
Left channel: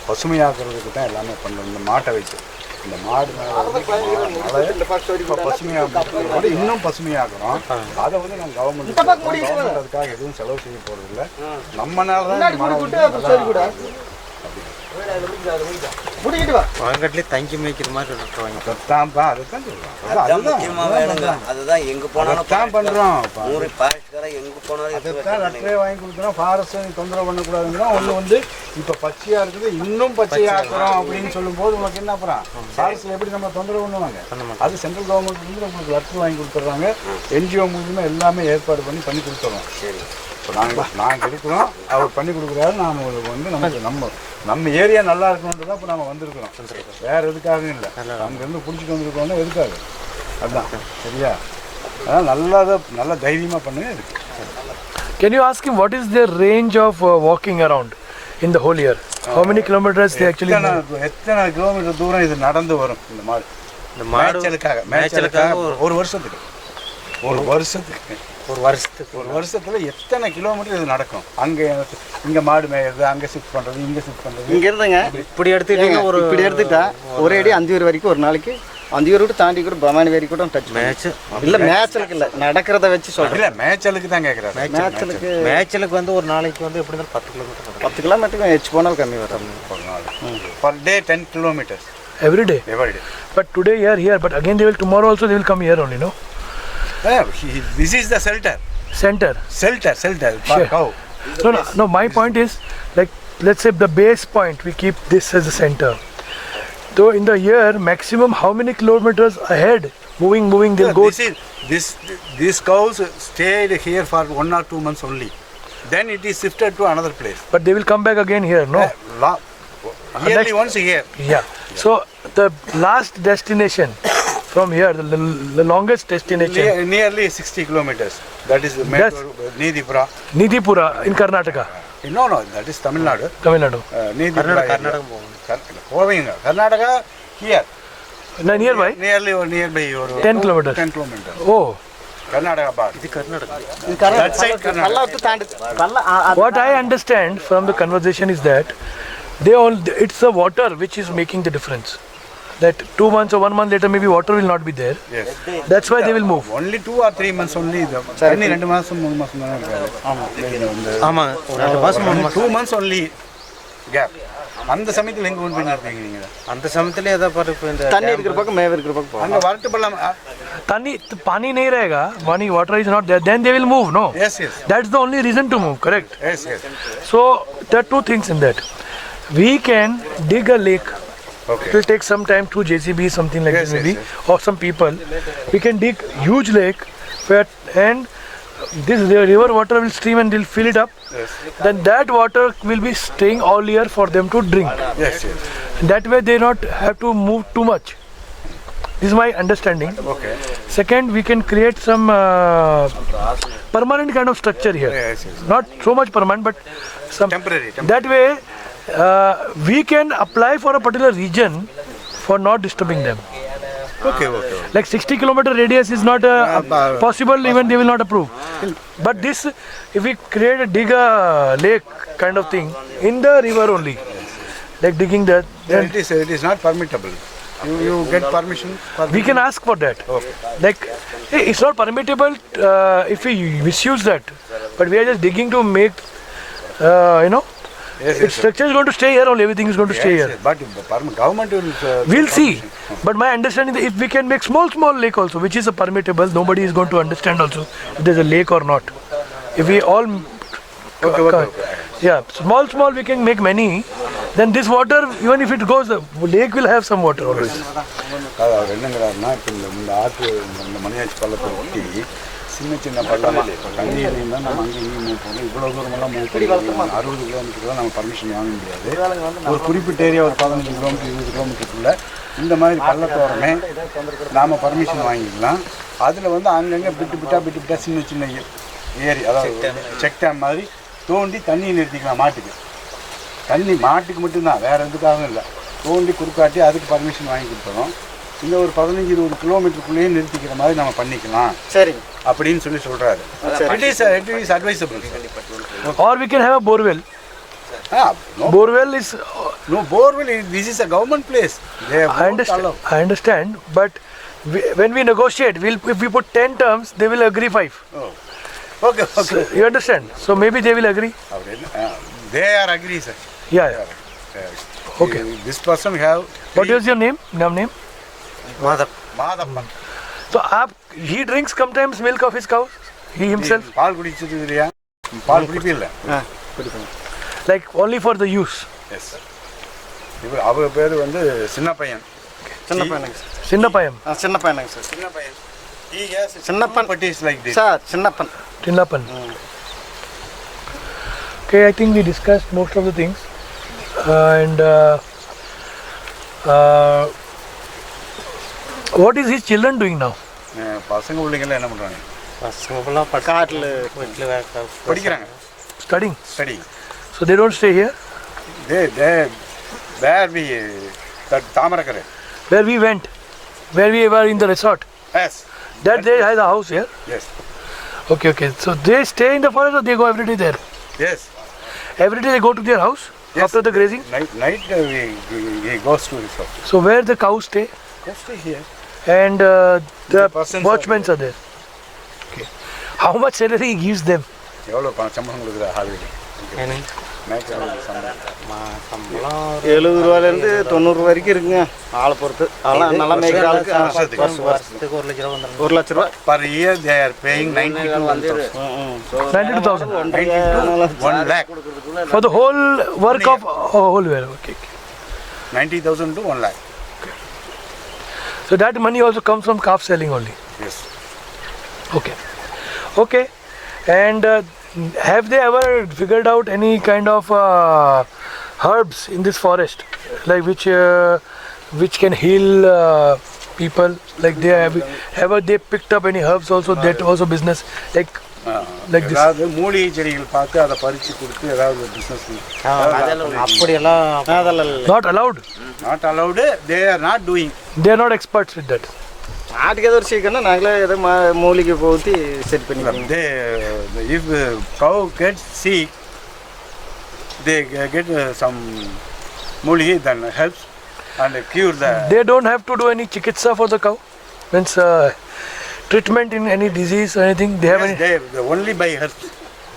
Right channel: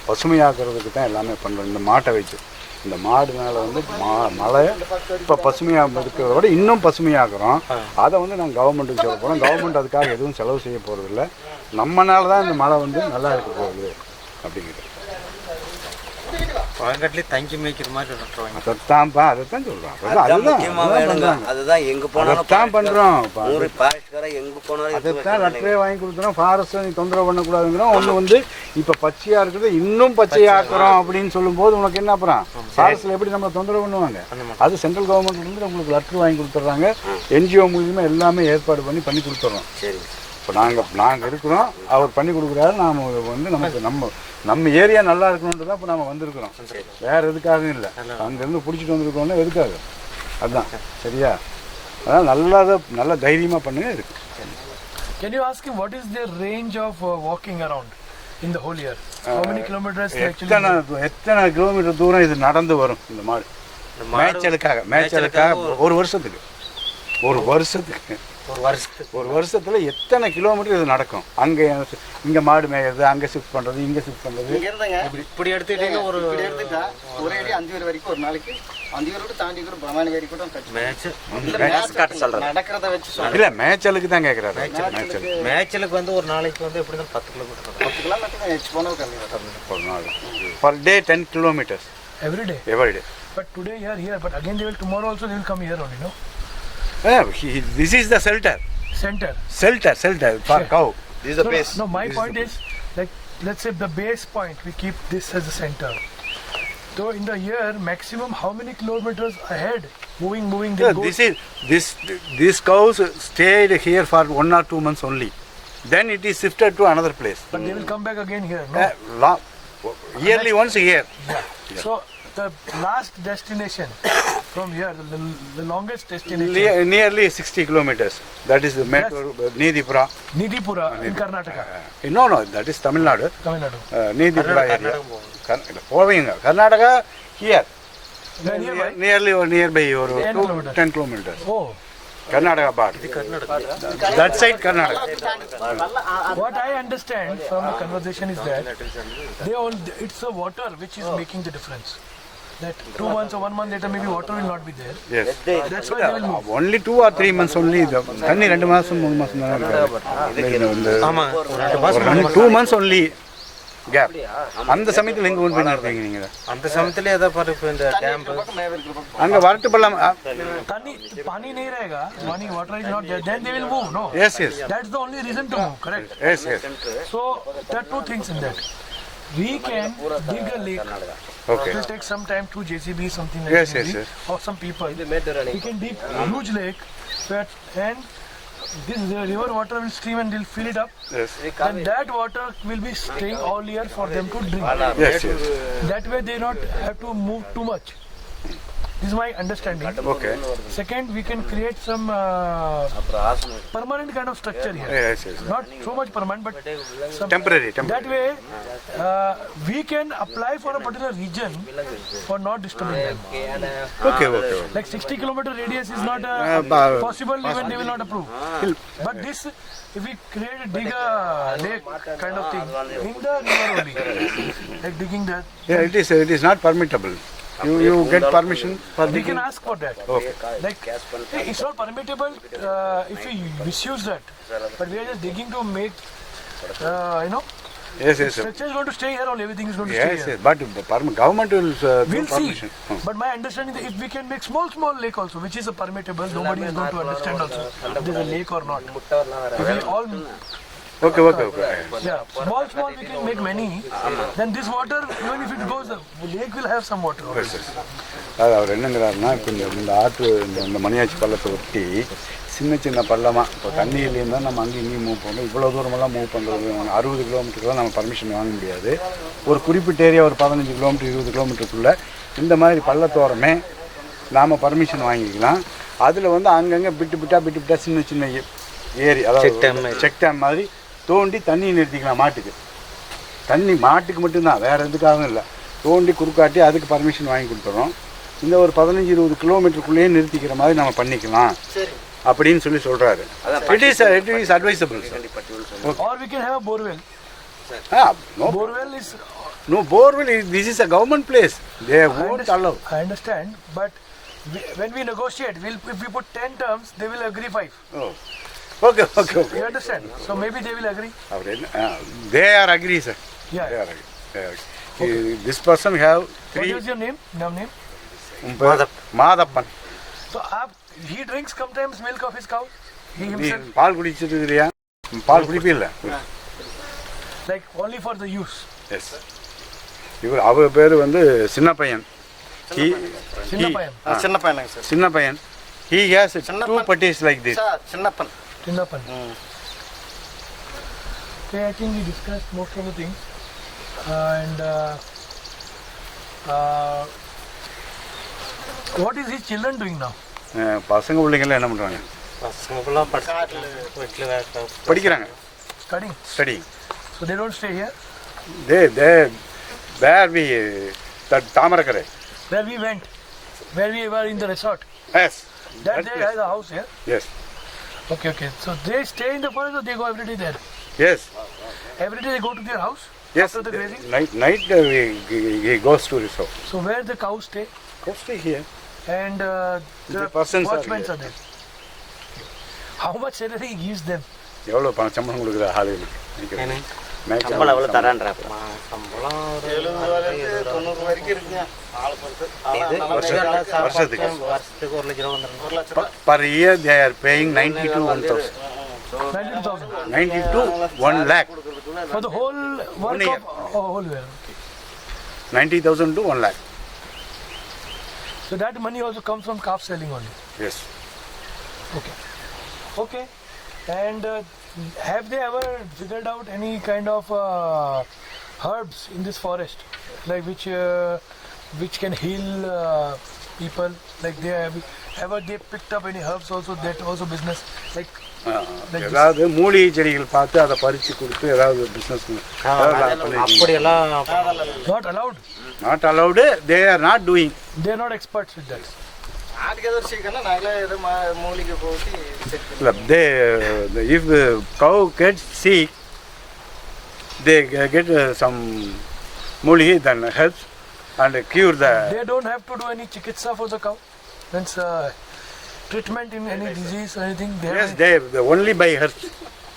பசுமையாக்குறதுக்கு தான் எல்லாமே பண்ணுறோம். இந்த மாட்டை வச்சு இந்த மாடுனால வந்து மலை இப்போ பசுமையாக இருக்கிறதோட இன்னும் பசுமையாக்குறோம். அதை வந்து நாங்கள் கவர்மெண்ட்டுக்கு சொல்கிறோம். கவர்மெண்ட் அதுக்காக எதுவும் செலவு செய்ய போகிறதில்ல. நம்மனால தான் இந்த மலை வந்து நல்லா இருக்கிறது அப்படிங்கிறது. பழங்கட்டிலே தங்கி மேய்க்கிற மாதிரி அதைத்தான்ப்பா அதைத்தான் சொல்கிறோம். அதுதான் எங்கே போனாலும் அதைத்தான் பண்ணுறோம். எங்கே போனாலும் அதைத்தான் லெட்டரே வாங்கி கொடுக்குறோம். ஃபாரஸ்ட்டை நீ தொந்தரவு பண்ணக்கூடாதுங்கிறோம். ஒன்று வந்து இப்போ பச்சையாக இருக்குது இன்னும் பச்சையாக்குறோம் அப்படின்னு சொல்லும்போது உனக்கு என்ன அப்புறம் ஃபாரஸ்ட்டில் எப்படி நம்ம தொந்தரவு பண்ணுவாங்க? அது சென்ட்ரல் கவர்மெண்ட் வந்து உங்களுக்கு லெட்டர் வாங்கி கொடுத்துட்றாங்க. என்ஜிஓ மூலியமாக எல்லாமே ஏற்பாடு பண்ணி கொடுத்துட்றோம். சரி, இப்போ நாங்கள் இருக்கிறோம், அவர் பண்ணி கொடுக்குறாரு. நாம் வந்து நமக்கு நம்ம ஏரியா நல்லா இருக்கணுன்றது தான் இப்போ நம்ம வந்திருக்கிறோம். வேறு எதுக்காகவும் இல்லை. அங்கேருந்து பிடிச்சிட்டு வந்திருக்கோம்னா எதுக்காக? அதுதான் சரியா? அதனால் நல்ல தைரியமாக பண்ணுங்க இருக்கு. Can you ask him what is their range of walking around in the whole year? How many kilometers they actually? எத்தனை கிலோமீட்டர் தூரம் இது நடந்து வரும் இந்த மாடு? மேய்ச்சலுக்காக ஒரு வருஷத்துல எத்தனை கிலோமீட்டர் இது நடக்கும்? இங்க மாடு மேயுது, அங்க ஷிஃப்ட் பண்றது, இங்க ஷிஃப்ட் பண்றது. இங்க இருந்துங்க இப்படி எடுத்துட்டா ஒரே அடி 5 பேர் வரைக்கும் ஒரு நாளைக்கு 5 பேர் விட்டு தாண்டி கூட பவானி வரைக்கும் கூட டச் மேய்ச்சலுக்கு இல்லை, நடக்கிறத வச்சு சொல்றேன். இல்ல மேய்ச்சலுக்கு தான் கேட்குறாரு. மேய்ச்சலுக்கு வந்து ஒரு நாளைக்கு வந்து எப்படி இருந்தாலும் 10 கிலோமீட்டருக்கு ஹெச் போனால் கம்மி வரும். ஒரு நாள் per day 10 kilometers every day. But today you are here, but again they will tomorrow also they will come here only, no? This is the shelter for cow. No, my point is, like, let's say the base point, we keep this as the center. So in the year, maximum how many kilometers ahead, moving they go? These cows stayed here for 1 or 2 months only. Then it is shifted to another place. But they will come back again here, no? Yearly once here. Yeah. So the last destination from here, the longest destination, nearly 60 kilometers. That is Nidipura in Karnataka. No, that is Tamil Nadu. Nidipura. Karnataka here. Nearby? Nearby 10 kilometers. 10 kilometers. Oh. Karnataka part. That side Karnataka. What I understand from the conversation is that it's the water which is making the difference. That 2 months or 1 month later, maybe water will not be there. Yes. That's why they will move. Only 2 or 3 months only. தண்ணி 2 மாசம் 3 மாசம் தான் இருக்காது. ஆமா, 2 மாசம் 2 months only gap. அந்த சமயத்துல எங்க கொண்டு போய் நிறுத்தீங்க நீங்க? அந்த சமயத்துல ஏதா பாரு இப்போ இந்த தண்ணி இருக்கிற பக்கம் மேவ இருக்கிற பக்கம் அங்க வரட்டு பள்ளம் தண்ணி पानी नहीं रहेगा, water is not there, then they will move, no? Yes. That's the only reason to move, correct? Yes. So there are 2 things in that. We can dig a lake. Okay. It will take some time through JCB, something like this maybe, or some people. We can dig huge lake, and this river water will stream and they'll fill it up. Yes. Then that water will be staying all year for them to drink. Yes. That way they not have to move too much. This is my understanding. Okay. Second, we can create some permanent kind of structure here. Yes. Not so much permanent, but some Temporary. That way, we can apply for a particular region for not disturbing them. Okay. Like 60 kilometer radius is not possible, even they will not approve. But this, if we dig a lake kind of thing in the river only, like digging that. Yeah, it is not permittable. You get permission for We can ask for that. Okay. Like, hey, it's not permittable if we misuse that. But we are just digging to make, Yes. the structure is going to stay here only, everything is going to stay here. Yes. But government will We'll see. But my understanding is if we can make small lake also, which is a permittable, nobody is going to understand also if there's a lake or not. If we all Okay. Yeah, small we can make many. Then this water, even if it goes, the lake will have some water always. அவர் என்னங்கிறாருன்னா இப்போ இந்த ஆற்று இந்த மணியாச்சி பள்ளத்தை ஒட்டி சின்ன பள்ளமாக இப்போ தண்ணியிலேயும் தான் நம்ம அங்கேயும் இங்கேயும் மூவ் பண்ணணும். இவ்வளோ தூரமெல்லாம் மூவ் பண்ணுறது 60 கிலோமீட்டருக்குலாம் நம்ம பர்மிஷன் வாங்க முடியாது. ஒரு குறிப்பிட்ட ஏரியா ஒரு 15 கிலோமீட்டர் 20 கிலோமீட்டருக்குள்ளே இந்த மாதிரி பள்ளத்தோரமே நாம் பர்மிஷன் வாங்கிக்கலாம். அதில் வந்து அங்கங்கே பிட்டு சின்ன ஏரி, அதாவது செக் டேம் மாதிரி தோண்டி தண்ணி நிறுத்திக்கலாம். மாட்டுக்கு மட்டும்தான், வேறு எதுக்காகவும் இல்லை. தோண்டி குறுக்காட்டி அதுக்கு பர்மிஷன் வாங்கி கொடுத்துறோம். இந்த ஒரு 15-20 கிலோமீட்டருக்குள்ளேயே நிறுத்திக்கிற மாதிரி நம்ம பண்ணிக்கலாம். சரி அப்படின்னு சொல்றாரு. It is advisable. Or we can have a borewell. No, Borewell is. no borewell. This is a government place. They won't allow. I understand, but when we negotiate, if we put 10 terms, they will agree 5. Oh. Okay, okay. You understand? So maybe they will agree. They are agree, sir. Yeah. They are agree. They are agree. Okay. This person have. What is your name? Name? Madappan. So he drinks sometimes milk of his cows. He himself. Ball குடிச்சிருக்கிறியா? Ball குடிப்பில்ல? Like only for the use. Yes. இவர் அவர் பேர் வந்து சின்ன பையன். Chinnapayam. சின்னப்பையனுங்க sir. சின்ன பையன். He has Chinnappan. putties like this. Sir Chinnappan. Chinnapan. Okay, I think we discussed most of the things. And what is his children doing now? பசங்க பிள்ளைங்க என்ன பண்றாங்க? பசங்க ஃபுல்லாக காட்டில் வீட்டில் படிக்கிறாங்க. Studying. Studying. So they don't stay here. They where we that Tamarakare. Where we went, where we were in the resort. Yes. That they has a house here. Yes. Okay. So they stay in the forest or they go every day there? Yes. Every day they go to their house Yes. after the grazing. Night he goes to his house. So where the cows stay Go stay here. and the persons are watchmen are there. Okay. How much salary he gives them? எவ்வளோ பணம் சம்பளம் கொடுக்குற ஆளுகளுக்கு? சம்பளம் 70 ரூபாயிலேருந்து 90 வரைக்கும் இருக்குங்க. ஆளை பொறுத்து. அதெல்லாம் நல்லா மேய்க்கிறாளுக்கு வருஷத்துக்கு வருஷத்துக்கு 1 லட்ச ரூபா வந்துடும். 1 லட்ச ரூபா. per year they are paying 92,000. 92,000 92 1 lakh. for the whole work 1 of whole year. Okay. 90,000 to 1 lakh. So that money also comes from calf selling only. Yes. Okay. And have they ever figured out any kind of herbs in this forest, like which can heal people? Like they have ever they picked up any herbs also? That also business like this. ஏதாவது மூலிகை செடிகள் பார்த்து அதை பறித்து கொடுத்து ஏதாவது business அப்படியெல்லாம் அதெல்லாம் இல்லை. Not allowed. Not allowed. They are not doing. They are not experts with that. ஆட்டுக்கு ஏதோ ஒரு சீக்கிரம் நாங்களே ஏதோ மூலிகை ஊற்றி செட் பண்ணி They if cow gets sick, they get some மூலிகை then helps and cure the. They don't have to do any chikitsa for the cow. Means treatment in any disease or anything. They have. Yes, they only by herbs.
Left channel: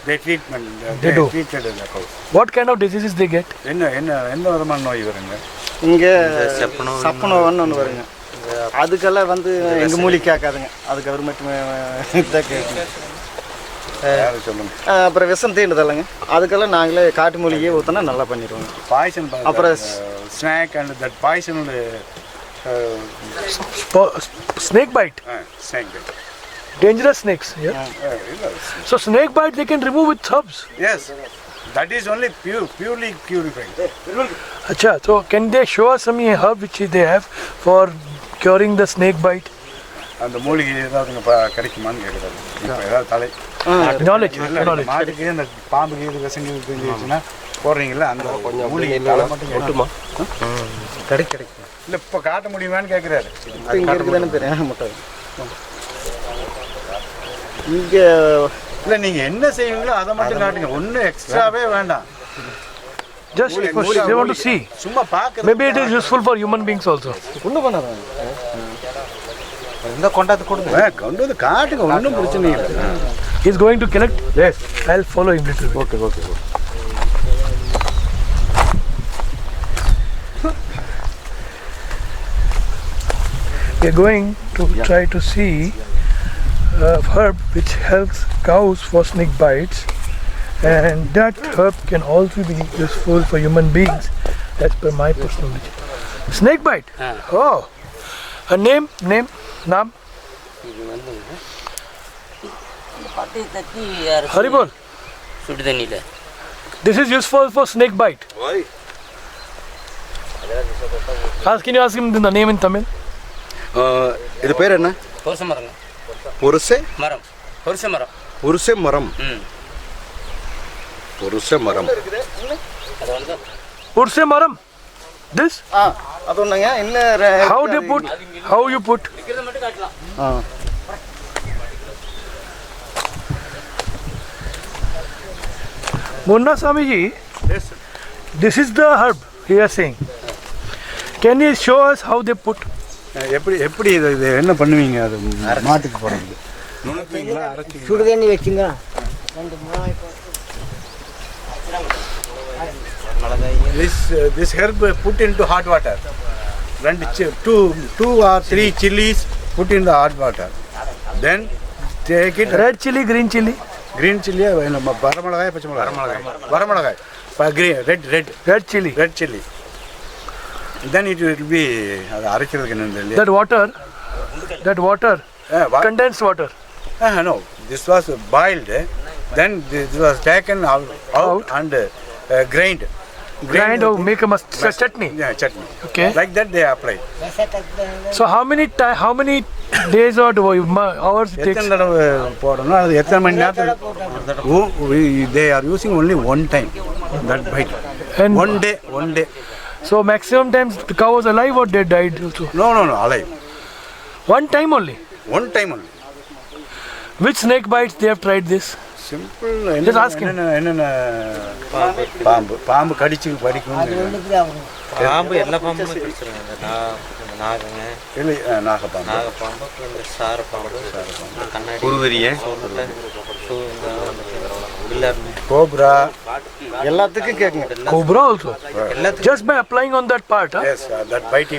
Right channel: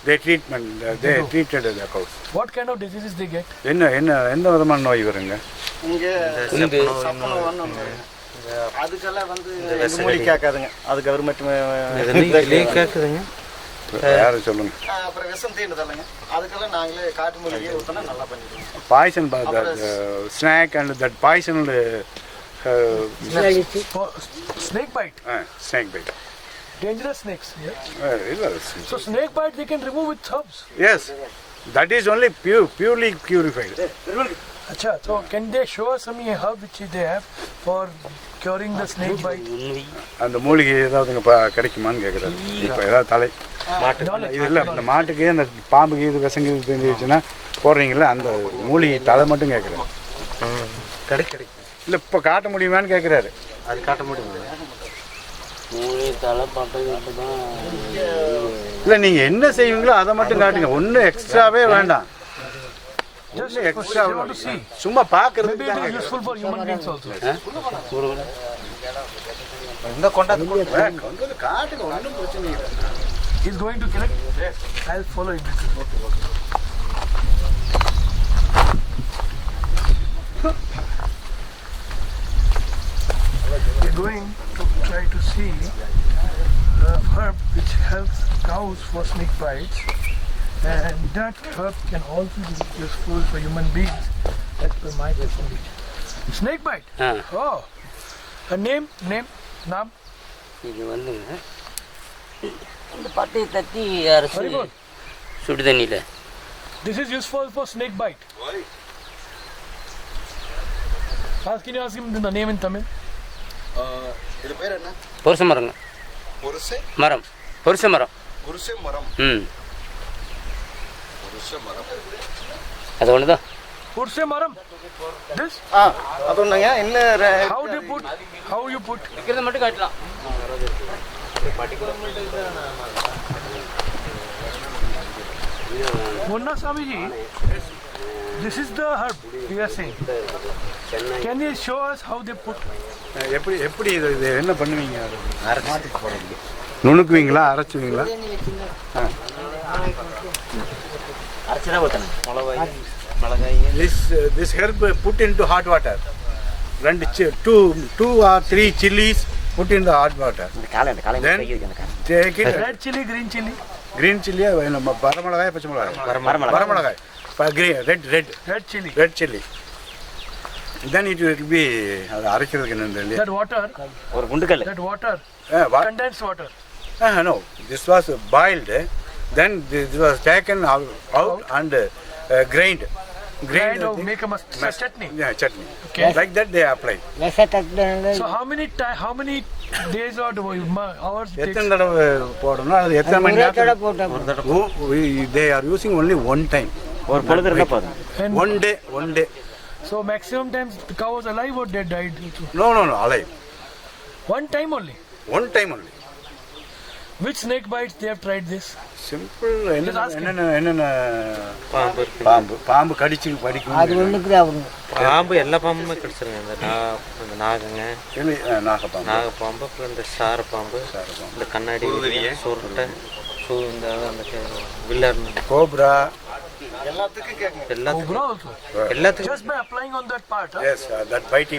They treatment. They do. treated the cows. What kind of diseases they get? எந்த விதமான நோய் வருங்க? இங்கே சப்பனோன்னு ஒன்று வருங்க. அதுக்கெல்லாம் வந்து எங்கள் மூலிகை கேட்காதுங்க. அது கவர்மெண்ட் கேட்குதுங்க. யாரும் சொல்லுங்க. அப்புறம் விஷம் தீண்டுதல்லைங்க. அதுக்கெல்லாம் நாங்களே காட்டு மூலிகையை ஊற்றினா நல்லா பண்ணிடுவோங்க. பாய்சன் அப்புறம் snake and that poison Snake bite. snake bite. Dangerous snakes. Yeah. So snake bite they can remove with herbs. Yes, that is only purely purified. Acha, so can they show us some herb which they have for curing the snake bite? அந்த மூலிகை ஏதாவது கிடைக்குமான்னு கேட்குறாரு. இப்போ ஏதாவது தலை Knowledge. இல்லை இந்த மாட்டுக்கு அந்த பாம்புக்கு இது விசங்கு தெரிஞ்சிச்சுன்னா போடுறீங்களா அந்த மூலிகை தலை மட்டும் கேட்குமா? கிடைக்கும். இல்லை இப்போ காட்ட முடியுமான்னு கேட்குறாரு. இங்கே இல்லை நீங்கள் என்ன செய்வீங்களோ அதை மட்டும் காட்டுங்க. ஒன்றும் எக்ஸ்ட்ராவே வேண்டாம். Just they want to see. சும்மா பார்க்குறது. Maybe it is useful for human beings also. ஒன்றும் பண்ணாத. இந்த கொண்டாந்து கொடுங்க. கொண்டு வந்து காட்டுங்க. ஒன்றும் பிரச்சனை இல்லை. He is going to collect. Yes. I'll follow him little bit. Okay. We are going to try to see a herb which helps cows for snake bites, and that herb can also be useful for human beings as per my personal knowledge. Snake bite? Oh. A name? Naam? இது வந்துங்க இந்த பட்டையை தட்டி Haribol. சுடு தண்ணியில். This is useful for snake bite. Why? Can you ask him the name in Tamil? இது பேர் என்ன? பொருச மரங்க. பொருசை மரம். பொருச மரம். பொருசை மரம். பொருசை மரம். அது ஒன்று தான். Urse maram. This? அது ஒன்றுங்க. இன்னும் How they put? How you put? இருக்கிறத மட்டும் காட்டலாம். Munna Swami ji, This is the herb he is saying. Can you show us how they put? எப்படி இது என்ன பண்ணுவீங்க? அது மாட்டுக்கு போடுறது நுணுக்குவீங்களா, அரைச்சுவீங்களா? This herb put into hot water. Two or three chilies put in the hot water. Then take it. Red chili, green chili. Green chili, வரமிளகாய், பச்சை மிளகாய். வரமிளகாய். Green, red chili. Then it will be அது அரைக்கிறதுக்கு என்ன? That water. Condensed water. No, this was boiled. Then this was taken out and grind Grind or make a chutney. Yeah, chutney. Okay. Like that they apply. So how many days or hours it takes? எத்தனை தடவை போடணும், அது எத்தனை மணி நேரத்துக்கு? They are using only one time. And One day. so maximum times the cow was alive or they died also? No, alive. One time only. One time only. Which snake bites they have tried this? Simple. Just ask him. என்னென்ன பாம்பு கடிச்சு படிக்கும். பாம்பு எல்லா பாம்புமே கடிச்சிருங்க. இந்த நாகங்க, நாகப்பாம்பு, அப்புறம் இந்த சாரப்பாம்பு, இந்த கண்ணாடி சொருட்டை, இந்த வில்லர், கோப்ரா, எல்லாத்துக்கும் கேட்குங்க. Cobra also. எல்லாத்துக்கும் Just by applying on that part. Huh? yes, that bite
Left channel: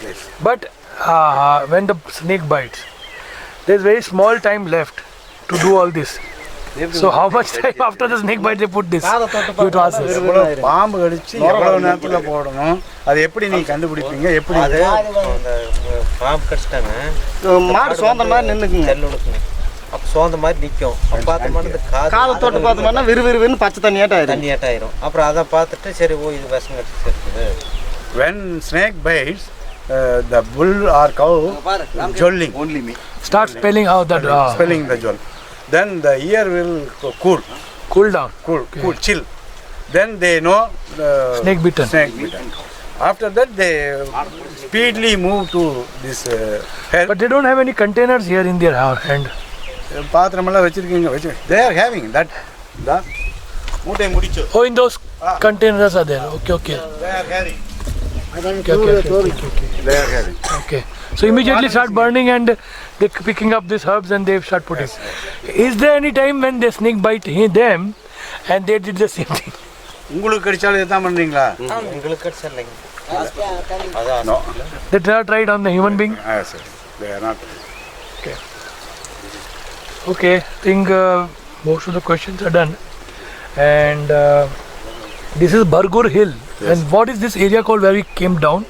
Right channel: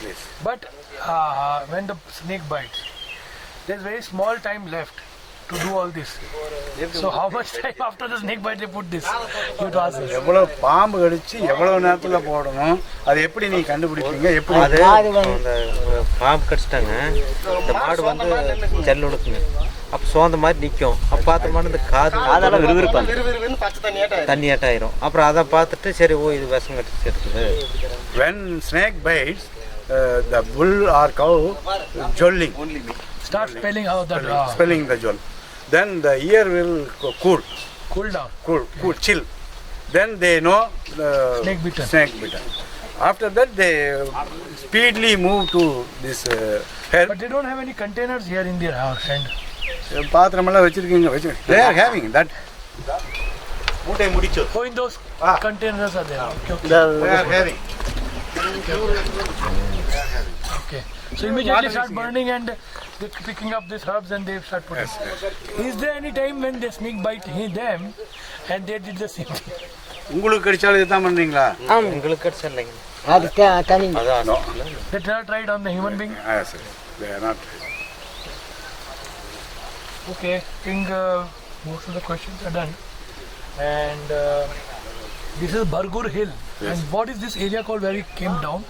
place. But when the snake bites, there is very small time left to do all this. So how much time after the snake bite they put this? You to ask us. எவ்வளவு பாம்பு கடிச்சு எவ்வளவு நேரத்துல போடணும், அது எப்படி நீங்க கண்டுபிடிப்பீங்க? எப்படி அது அந்த பாம்பு கடிச்சிட்டாங்க, மாடு சோந்த மாதிரி நின்னுக்குங்க. தெல்லுனுக்குங்க. அப்போ சோந்த மாதிரி நிற்கும். அப்போ பார்த்தோம்னா இந்த காலத்தோட பார்த்தோம்னா விறுவிறுன்னு பச்சை தண்ணியாட்டாயிரும். அப்புறம் அதை பார்த்துட்டு சரி இது விஷம் கடிச்சு இருக்குது. when snake bites, the bull or cow jolling, Start spelling how that spelling the joll. Then the ear will cool down. chill. Then they know the Snake bitten. After that they speedily move to this herb. But they don't have any containers here in their hand. பாத்திரமெல்லாம் வச்சிருக்கீங்க. They are having that. மூட்டை முடிச்சு. Oh, in those containers are there. Okay. They are having. They are having. Okay. So immediately start burning and they picking up these herbs and they start putting. Is there any time when the snake bite them and they did the same thing? உங்களுக்கு கடிச்சாலும் இதுதான் பண்றீங்களா? எங்களுக்கு கடிச்சிடலைங்க. No. They tried on the human being? Yes, sir. They are not. Okay. I think most of the questions are done. And this is Bargur Hill. Yes. And what is this area called where we came down?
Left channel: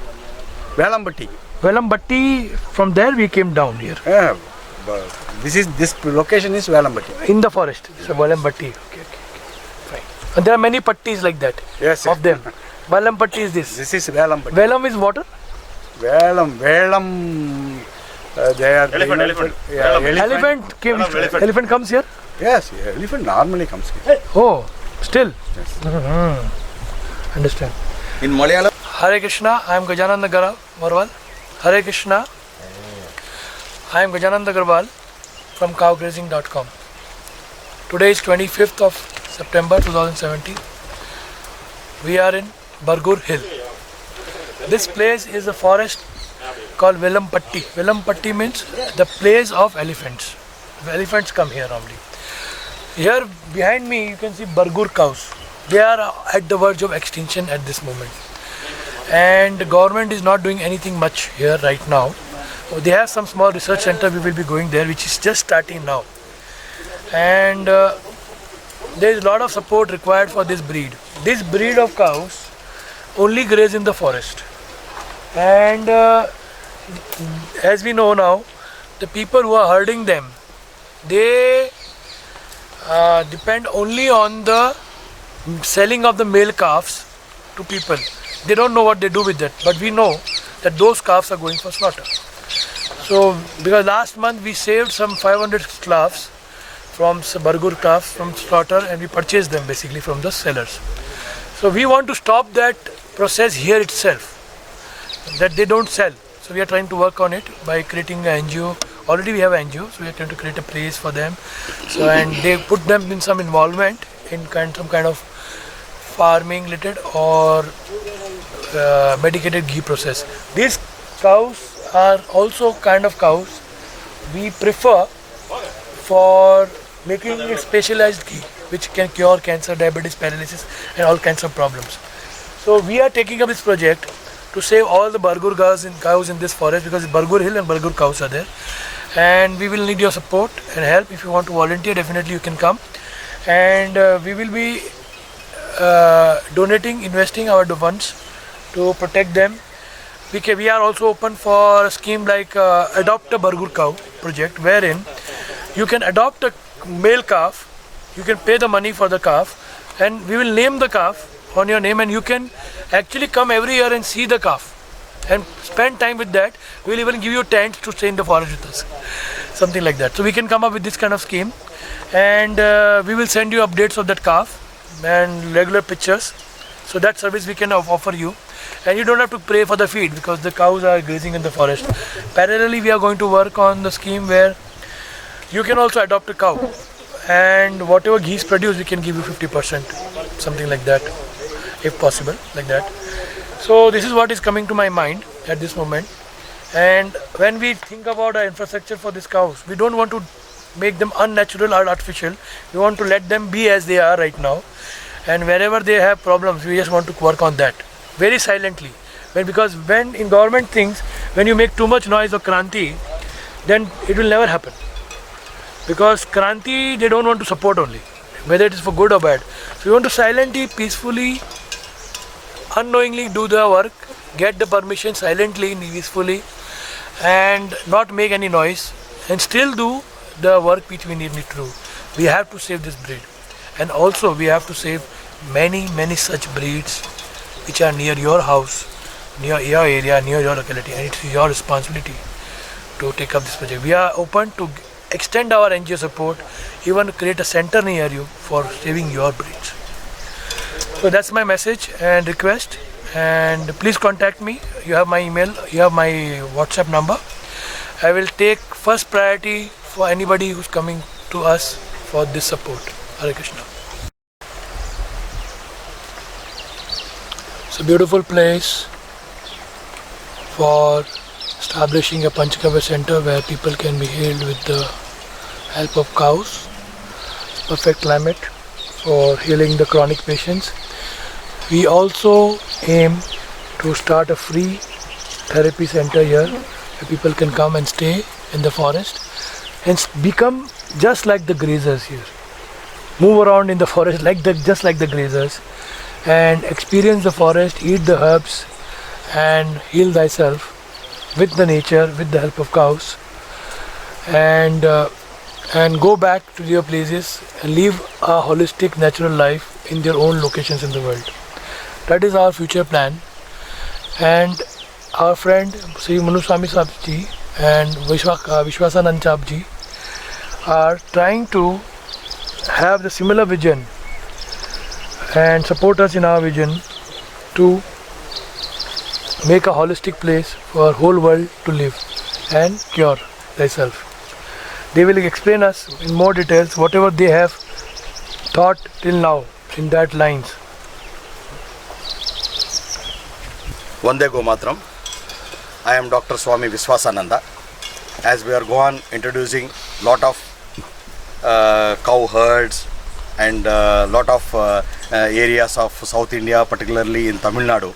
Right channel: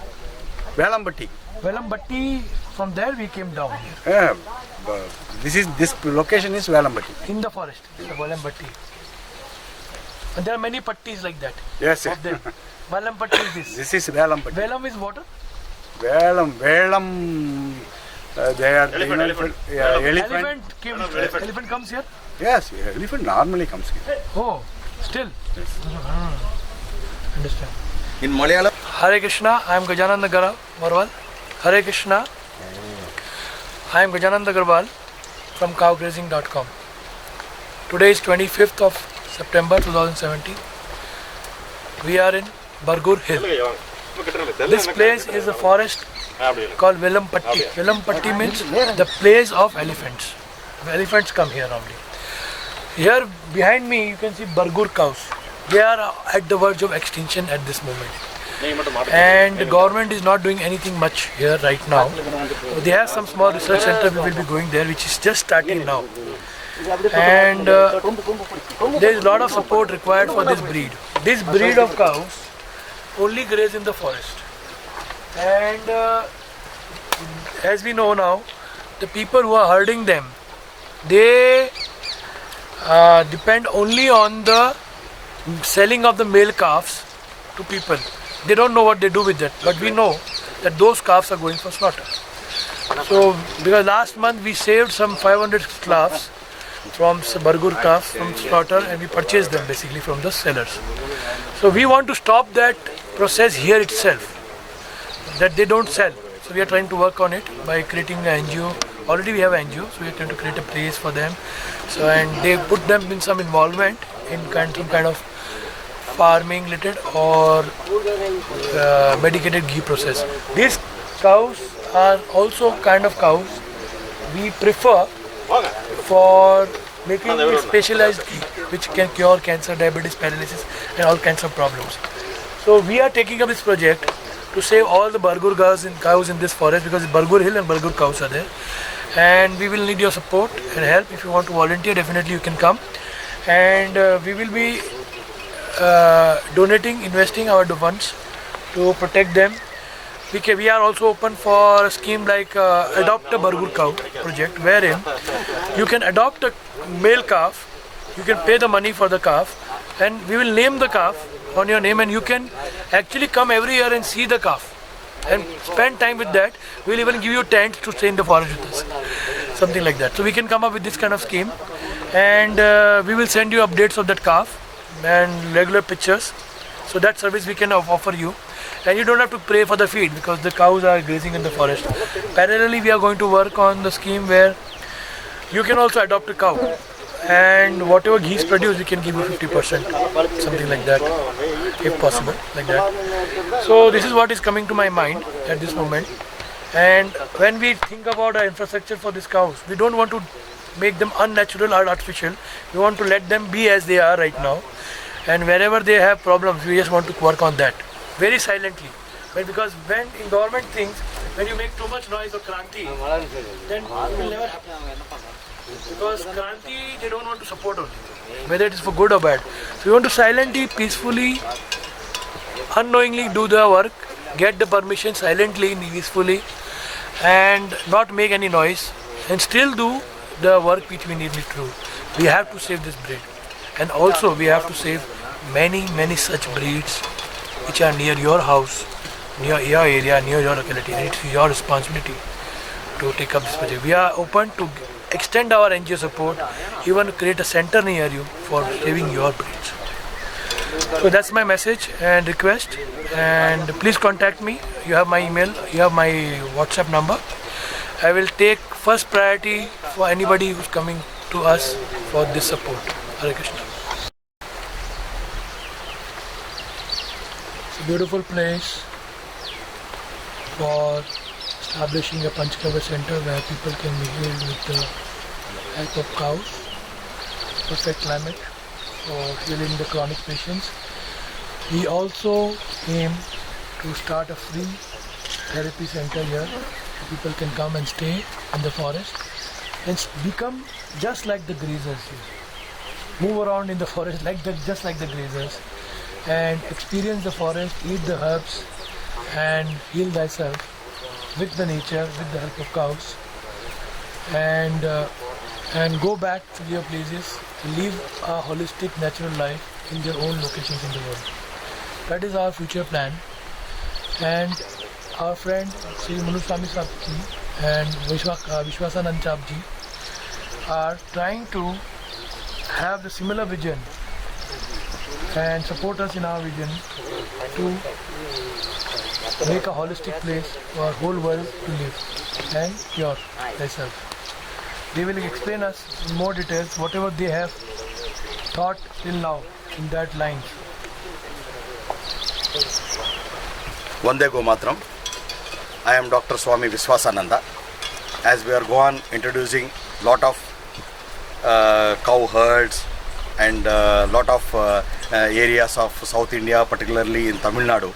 Velampatti. Velambatti. From there we came down here. This location is Velampatti. In the forest. So Velambatti. Okay. And there are many pattis like that. Yes, Of them. Velambatti is this. This is Velampatti. Velam is water? வேலம் they are elephant. Elephant comes here? Yes, elephant normally comes here. Oh, still? Yes. Understand. In Malayalam. Hare Krishna, I am Gajananda Garwal. Hare Krishna, I am Gajananda Garwal from cowgrazing.com. Today is 25th of September 2017. We are in Bargur Hill. This place is a forest called Velampatti. Velampatti means the place of elephants. Elephants come here normally. Here behind me you can see Bargur cows. They are at the verge of extinction at this moment. And the government is not doing anything much here right now. They have some small research center, we will be going there, which is just starting now. And there is a lot of support required for this breed. This breed of cows only graze in the forest. And as we know now, the people who are herding them, they depend only on the selling of the male calves to people. They don't know what they do with that, but we know that those calves are going for slaughter. So because last month we saved some 500 calves from Bargur calves from slaughter, and we purchased them basically from the sellers. So we want to stop that process here itself, that they don't sell. So we are trying to work on it by creating an NGO. Already we have an NGO, so we are trying to create a place for them. So and they put them in some involvement in some kind of farming related or medicated ghee process. These cows are also kind of cows we prefer for making a specialized ghee which can cure cancer, diabetes, paralysis and all kinds of problems. So we are taking up this project to save all the Bargur cows in this forest, because Bargur hill and Bargur cows are there, and we will need your support and help. If you want to volunteer, definitely you can come, and we will be investing our funds to protect them. We are also open for a scheme like Adopt a Bargur Cow project, wherein you can adopt a male calf, you can pay the money for the calf, and we will name the calf on your name, and you can actually come every year and see the calf and spend time with that. We will even give you tents to stay in the forest with us, something like that. So we can come up with this kind of scheme, and we will send you updates of that calf and regular pictures. So that service we can offer you, and you don't have to pay for the feed because the cows are grazing in the forest. Parallelly, we are going to work on the scheme where you can also adopt a cow, and whatever ghee is produced, we can give you 50%, something like that, if possible, like that. So this is what is coming to my mind at this moment. And when we think about our infrastructure for these cows, we don't want to make them unnatural or artificial. We want to let them be as they are right now, and wherever they have problems, we just want to work on that very silently. Because when in government things, when you make too much noise or kranti, then it will never happen. Because kranti, they don't want to support only, whether it is for good or bad. So we want to silently, peacefully, unknowingly do the work, get the permission silently, peacefully, and not make any noise, and still do the work which we need to do. We have to save this breed, and also we have to save many such breeds which are near your house, near your area, near your locality, and it's your responsibility to take up this project. We are open to extend our NGO support, even create a center near you for saving your breeds. So that's my message and request, and please contact me. You have my email, you have my WhatsApp number. I will take first priority for anybody who's coming to us for this support. Hare Krishna. It's a beautiful place for establishing a Panchgavya center where people can be healed with the help of cows. It's perfect climate for healing the chronic patients. We also aim to start a free therapy center here where people can come and stay in the forest and become just like the grazers here. Move around in the forest just like the grazers, and experience the forest, eat the herbs, and heal thyself with the nature, with the help of cows, and go back to their places and live a holistic natural life in their own locations in the world. That is our future plan. And our friend Sri Manuswami Sahib ji and Vishwasanand Sahib ji are trying to have the similar vision and support us in our vision to make a holistic place for whole world to live and cure thyself. They will explain us in more details whatever they have thought till now in that lines. Vande Go Matram. I am Dr. Swami Vishwasananda. As we are going introducing lot of cow herds and lot of areas of South India, particularly in Tamil Nadu,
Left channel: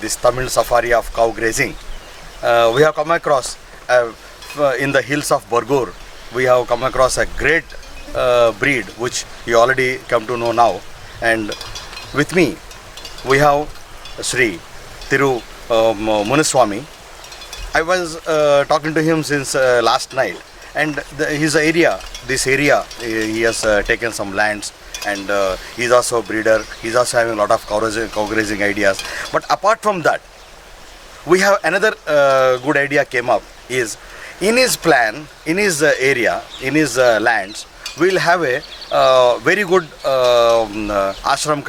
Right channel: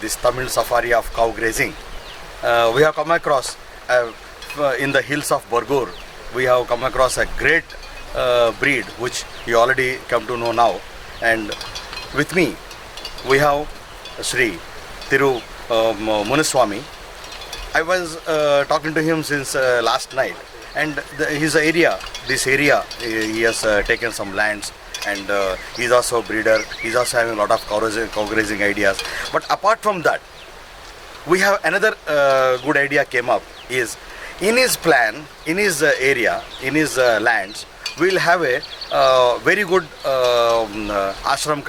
this Tamil safari of cow grazing, we have come across in the hills of Bargur, we have come across a great breed which you already come to know now. And with me we have Sri Thiru Munuswami. I was talking to him since last night, and this area he has taken some lands, and he's also a breeder. He's also having a lot of cow grazing ideas. But apart from that, we have another good idea came up, is in his plan, in his area, in his lands, we'll have a very good ashram,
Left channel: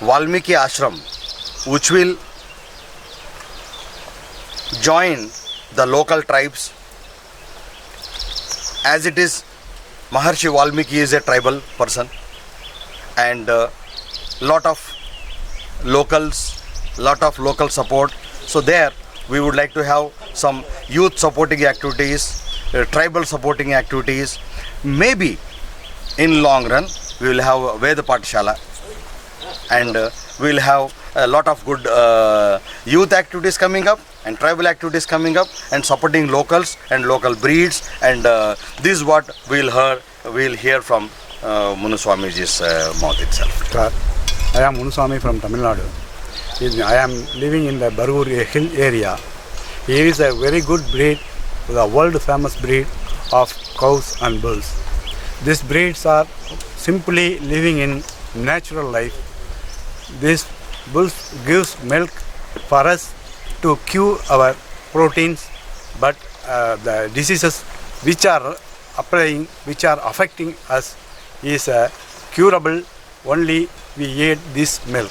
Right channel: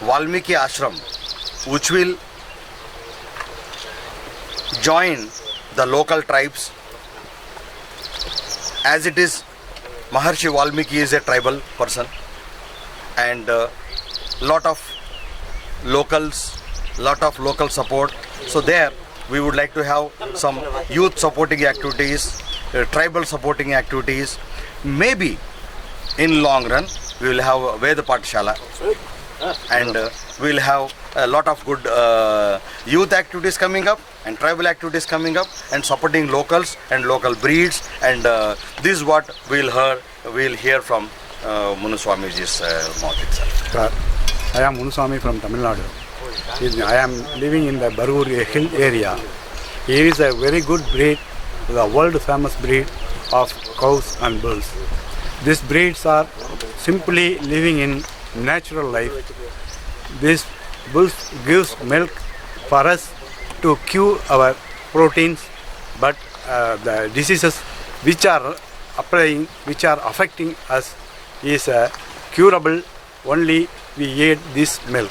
Valmiki ashram, which will join the local tribes. As it is, Maharshi Valmiki is a tribal person, and lot of locals, lot of local support. So there we would like to have some youth supporting activities, tribal supporting activities. Maybe in long run we will have Veda Pathshala, and we will have a lot of good youth activities coming up and tribal activities coming up and supporting locals and local breeds, and this is what we will hear from Munuswamiji's mouth itself. Sir, I am Munuswami from Tamil Nadu. I am living in the Bargur hill area. Here is a very good breed, the world famous breed of cows and bulls. These breeds are simply living in natural life. This bulls gives milk for us to cure our proteins, but the diseases which are affecting us is curable only we eat this milk.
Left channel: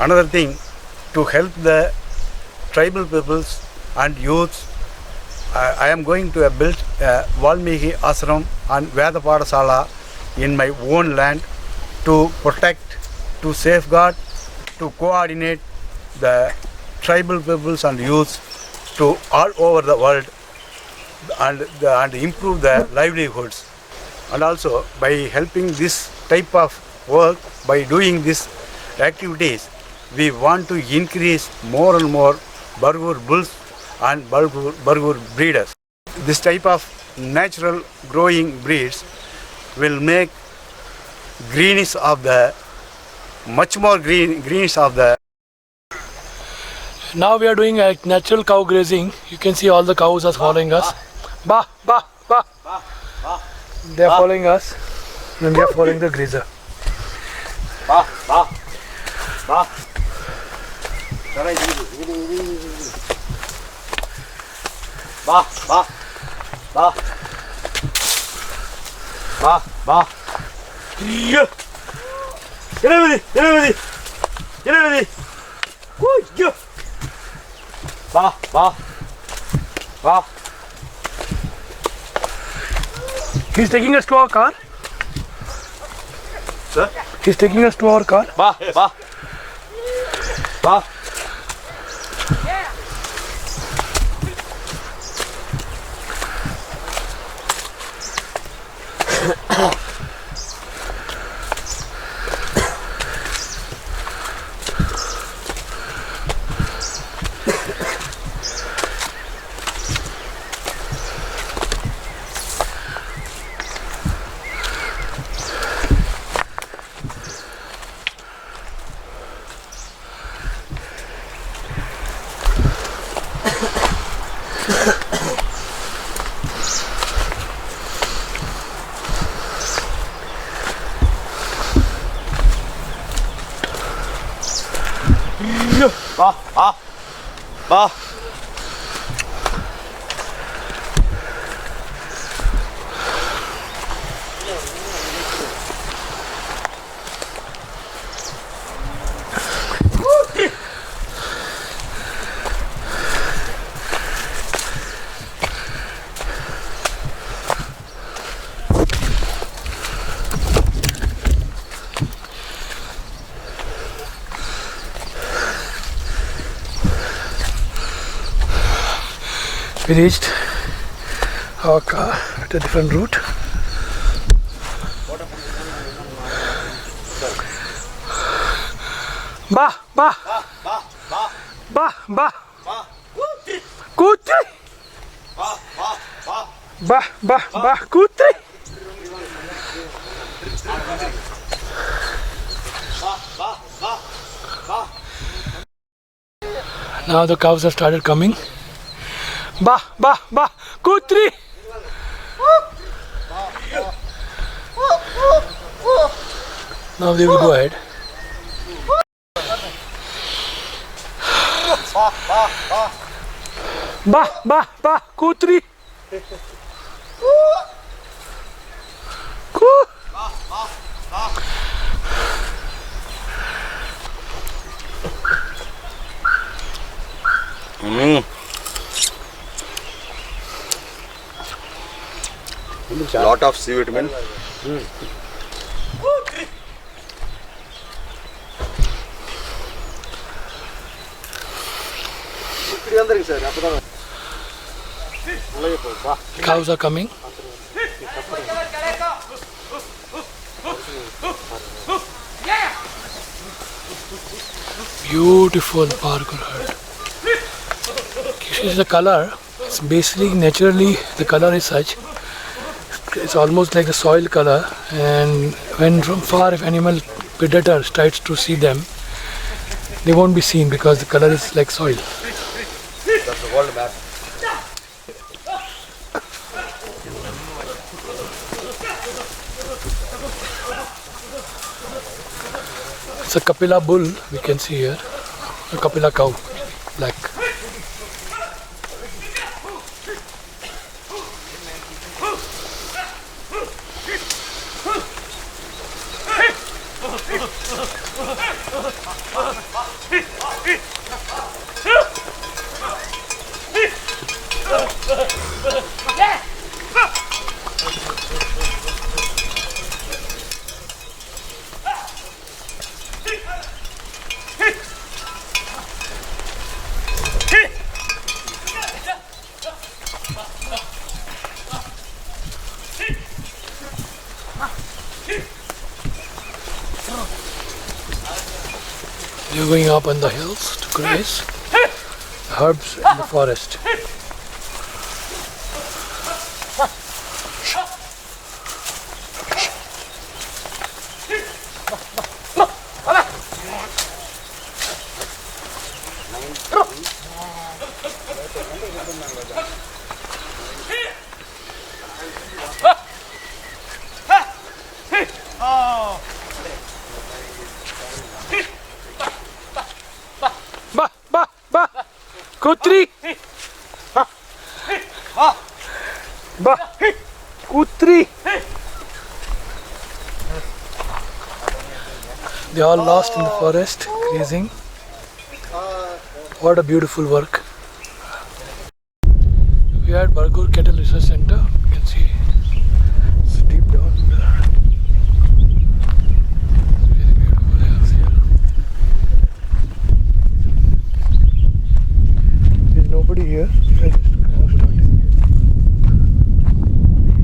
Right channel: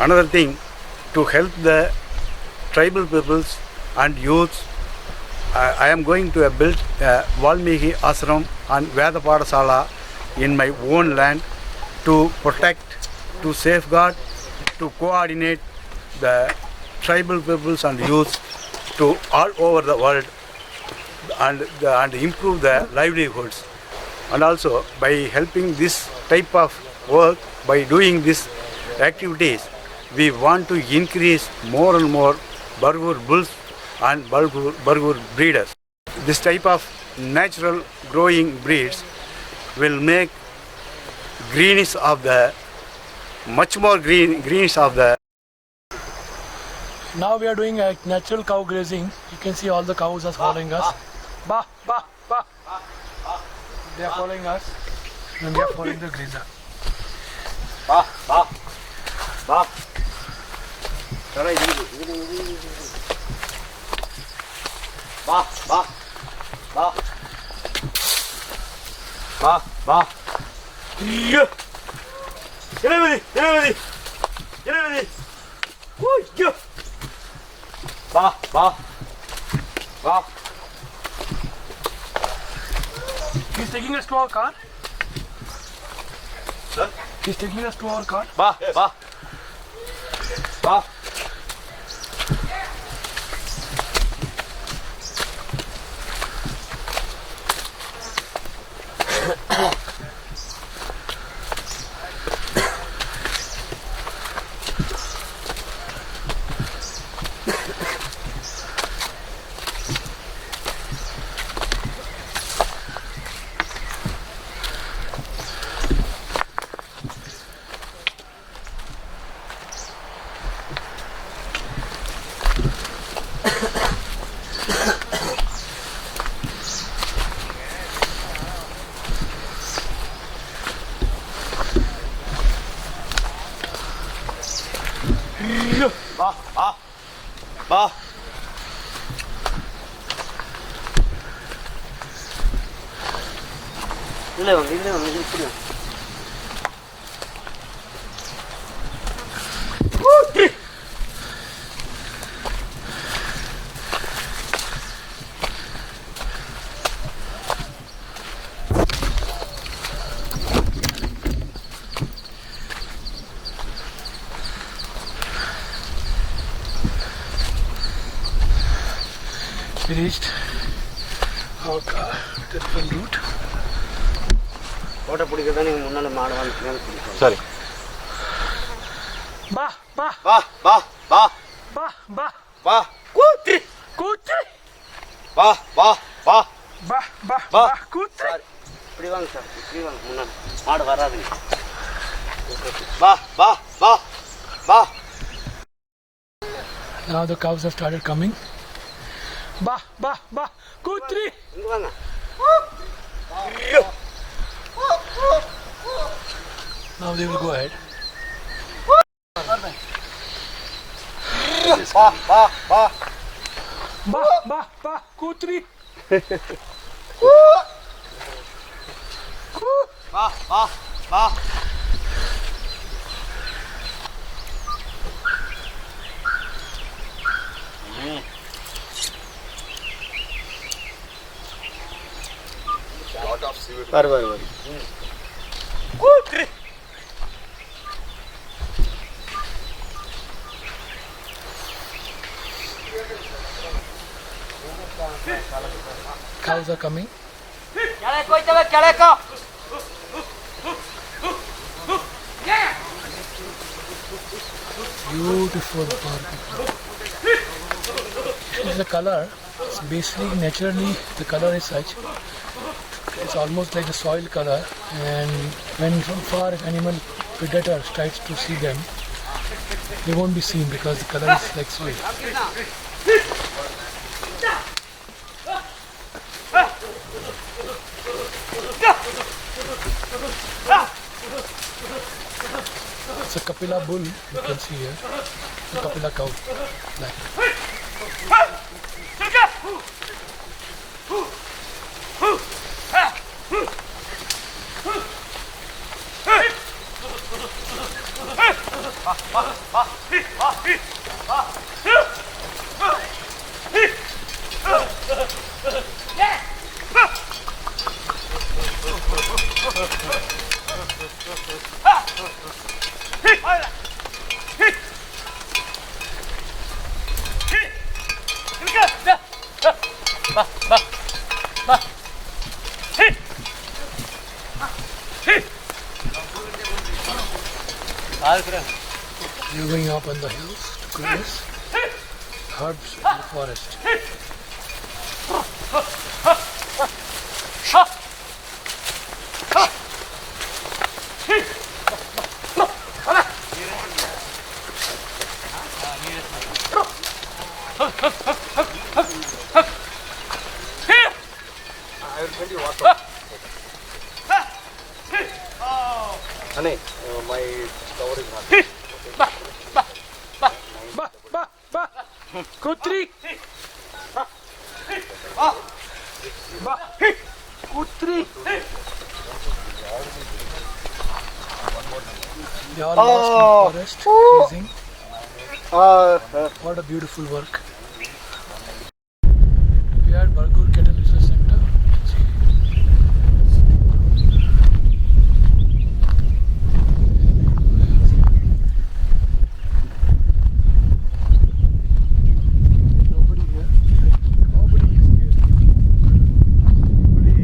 Another thing, to help the tribal peoples and youths, I am going to build a Valmiki Ashram and Veda Pathshala in my own land to protect, to safeguard, to coordinate the tribal peoples and youths to all over the world, and improve the livelihoods. And also by helping this type of work, by doing these activities, we want to increase more and more Bargur bulls and Bargur breeders. This type of natural growing breeds will make greenish of the, much more greenish of the. Now we are doing a natural cow grazing. You can see all the cows are following us. Bah, bah, bah. They are following us and we are following the grazer. Bah, bah, bah. Bah, bah, bah. Bah, bah. Yeah. Get over there. Woo, yeah. Bah, bah. Bah. He's taking us to our car. Sir? He's taking us to our car. Bah, yes. Bah. Bah. Bah, bah, bah. We reached our car at a different route. Sir. Bah, bah, Bah, bah, bah, bah, bah, bah. Kutri. kutri. Bah, bah, bah. Bah, bah, bah, kutri. Bah, bah, bah, bah. Now the cows have started coming. Bah, bah, bah, kutri. Now they will go ahead. Bah, bah, bah. Bah, bah, bah, kutri. Ku. Bah, bah, bah. Lot of C vitamin. Cows are coming. Beautiful Bargur herd. This is the color. It's basically naturally the color is such. It's almost like a soil color, and when from far if animal predators tries to see them, they won't be seen because the color is like soil. It's a Kapila bull you can see here, a Kapila cow, black. You're going up on the hills to graze herbs in the forest. Kutri! Kutri! They all lost in the forest, grazing. What a beautiful work. We are at Bargur Cattle Research Center. You can see it's deep down there. Very beautiful hills here. There's nobody here. Nobody is here. Only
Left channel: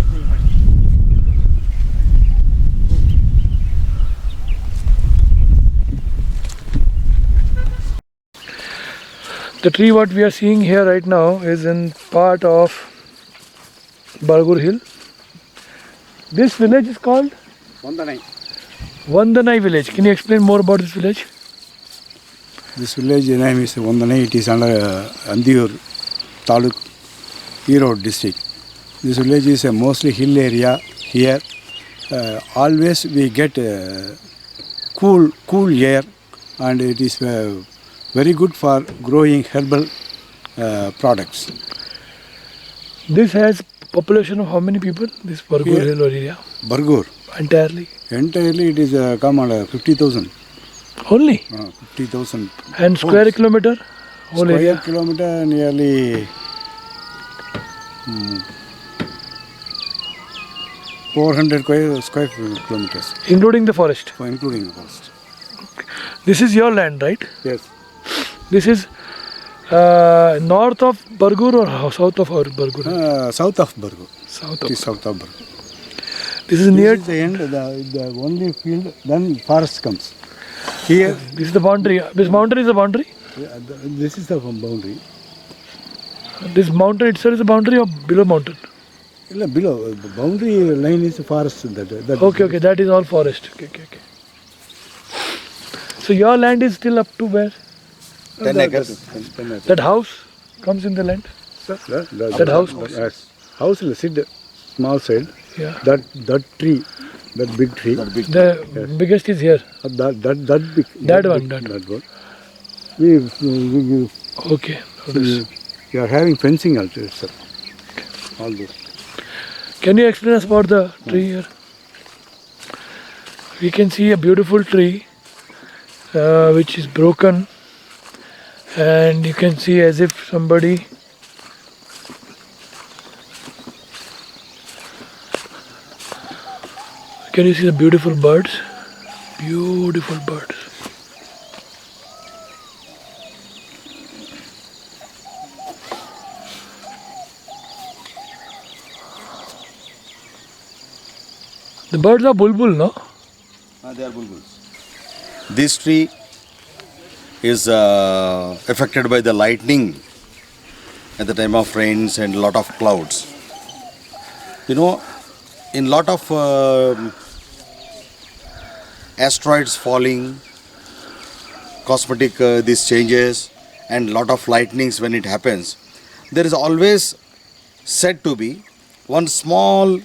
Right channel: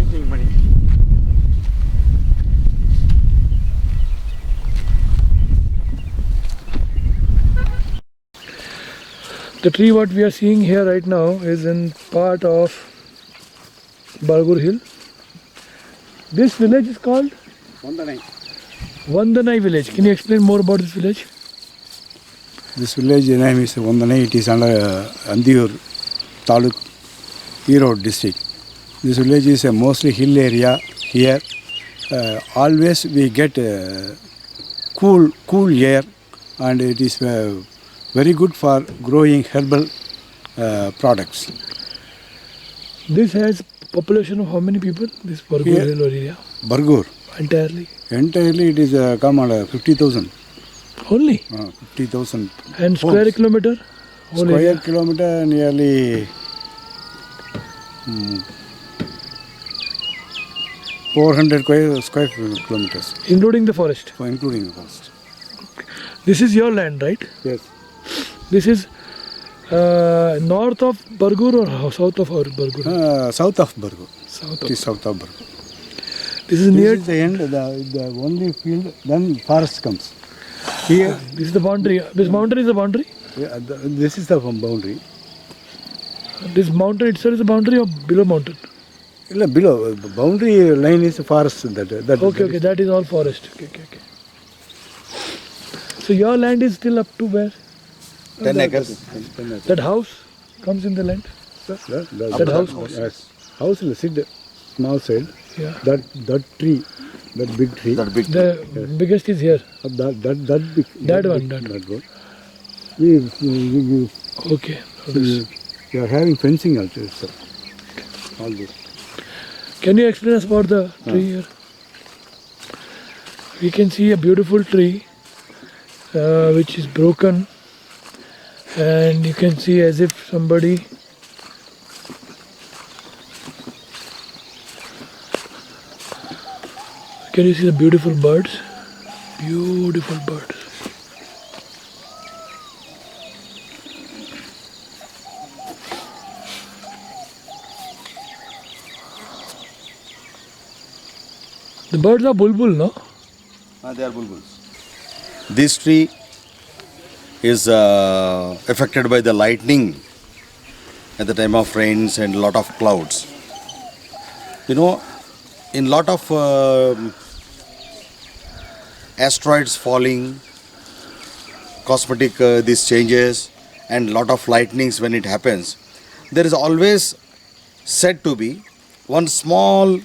eating money. The tree what we are seeing here right now is in part of Bargur Hill. This village is called Vandanai. Vandanai village. Can you explain more about this village? This village name is Vandanai. It is under Andiur Taluk, Erode district. This village is a mostly hill area here. Always we get cool air, and it is very good for growing herbal products. This has population of how many people? This Bargur Here- Hill area Bargur. entirely. Entirely it is come under 50,000. Only 50,000 and square homes. kilometer whole Square area. kilometer nearly 400 square kilometers, Including the forest. including the cost. This is your land, right? Yes. This is north of Bargur or south of Bargur? South of Bargur. South It of. is south of Bargur. This is near. This is the end, the only field, then forest comes. Here, This is the boundary. This mountain is the boundary. this is the boundary. This mountain itself is a boundary or below mountain? Below, boundary line is forest. Okay, that is all forest. Okay. So your land is still up to where? 10 acres. 10 acres. That house comes in the land? That house? Yes. House will sit small side. Yeah. That tree, that big tree. The biggest is here. That big. That one. We Okay. So this. are having fencing also, sir. All this. Can you explain us about the tree here? We can see a beautiful tree which is broken, and you can see as if somebody can you see the beautiful birds? Beautiful birds. The birds are bulbul, no? They are bulbuls. This tree is affected by the lightning at the time of rains and lot of clouds. You know, in lot of asteroids falling, cosmetic these changes, and lot of lightnings when it happens, there is always said to be one small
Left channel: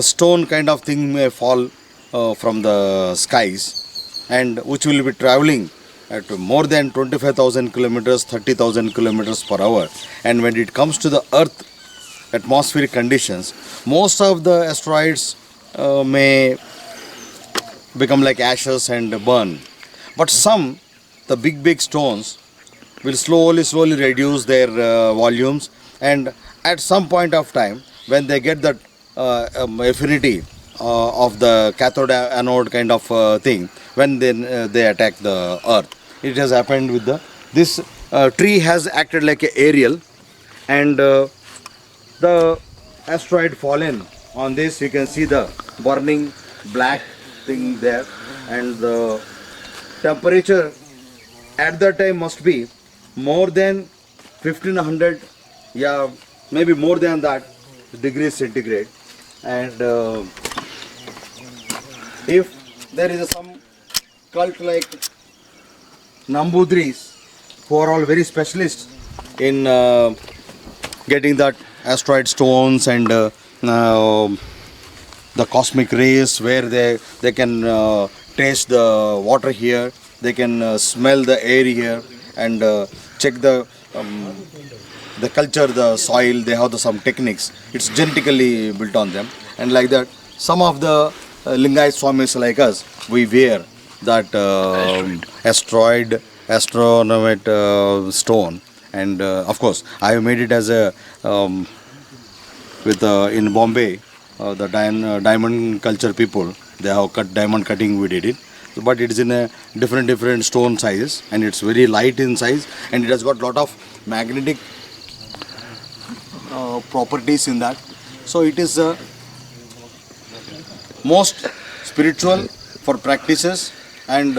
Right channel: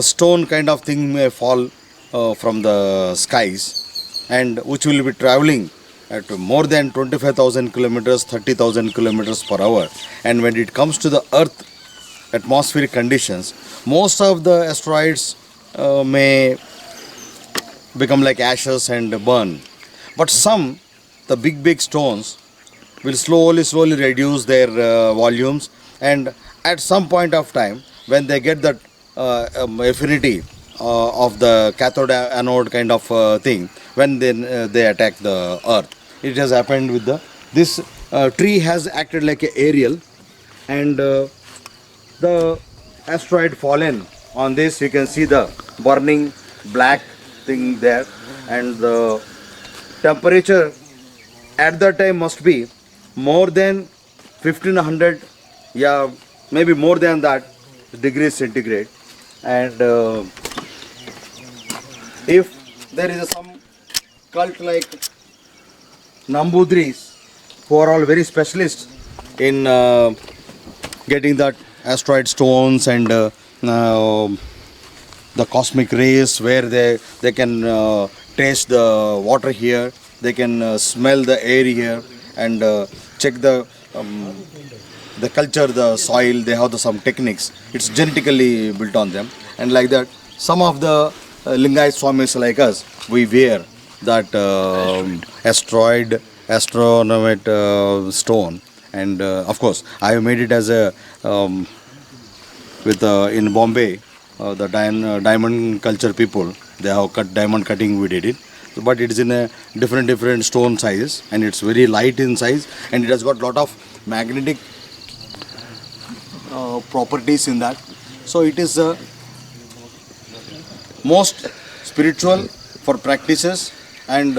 stone kind of thing may fall from the skies, and which will be traveling at more than 25,000 kilometers, 30,000 kilometers per hour. And when it comes to the Earth atmospheric conditions, most of the asteroids may become like ashes and burn. But some, the big stones, will slowly reduce their volumes, and at some point of time, when they get that affinity of the cathode anode kind of thing, when they attack the Earth. It has happened with this tree has acted like an aerial, and the asteroid fallen on this, you can see the burning black thing there, and the temperature at that time must be more than 1500, yeah, maybe more than that degrees centigrade. And if there is some cult like Nambudris, who are all very specialists in getting that asteroid stones and the cosmic rays, where they can taste the water here, they can smell the air here, and check the culture, the soil. They have some techniques. It's genetically built on them, and like that, some of the Lingayat Swamis like us, we wear that astronomite stone, and of course, I have made it as a in Bombay, the diamond culture people, they have cut diamond cutting. We did it. But it is in a different stone sizes, and it's very light in size, and it has got lot of magnetic properties in that. So it is most spiritual for practices, and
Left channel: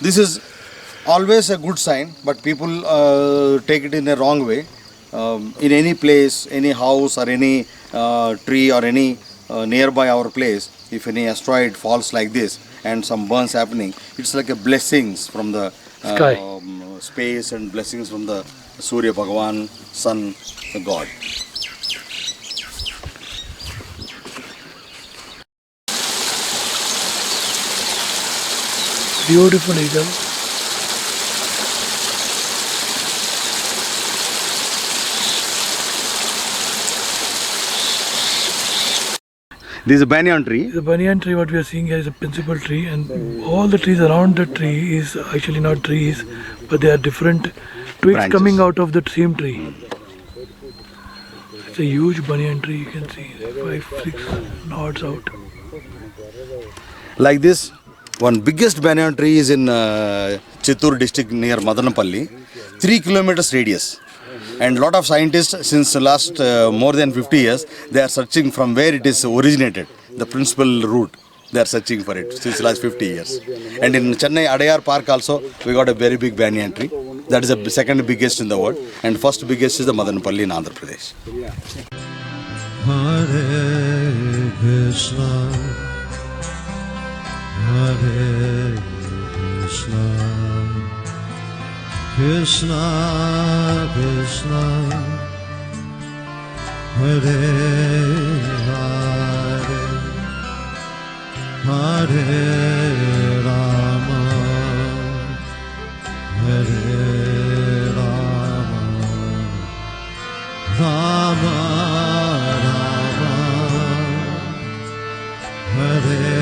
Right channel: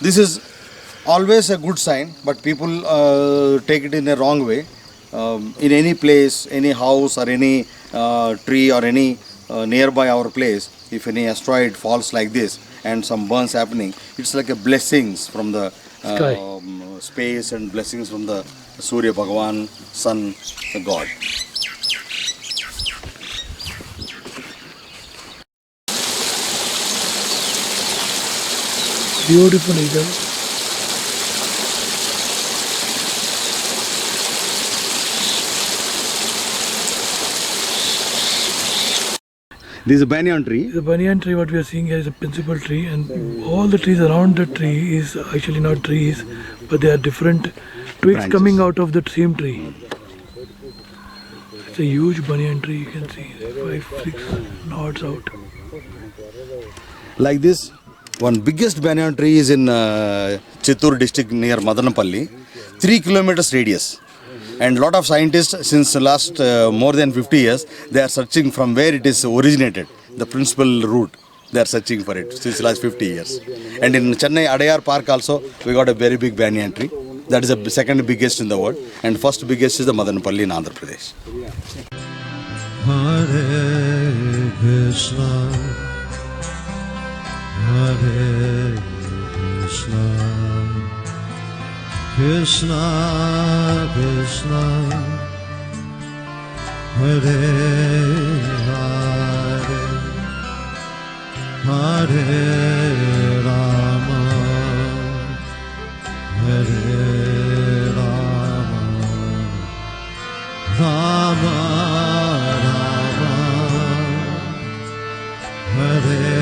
this is always a good sign, but people take it in a wrong way. In any place, any house or any tree or any nearby our place, if any asteroid falls like this and some burns happening, it's like a blessings from the space, and blessings from the Surya Bhagavan, Sun, the God. Beautiful eagle. This is a banyan tree. The banyan tree, what we are seeing here, is a principal tree, and all the trees around the tree is actually not trees, but they are different twigs branches coming out of the same tree. It's a huge banyan tree, you can see 5-6 nods out. Like this, one biggest banyan tree is in Chittoor district near Madanapalli, 3 kilometers radius. And lot of scientists since the last more than 50 years, they are searching from where it is originated, the principal root. They are searching for it since the last 50 years. And in Chennai Adayar Park also, we got a very big banyan tree. That is the second biggest in the world. And first biggest is the Madanapalli in Andhra Pradesh. Hare Krishna, Hare Krishna, Krishna Krishna, Hare Hare, Hare Rama, Hare Rama, Rama Rama, Hare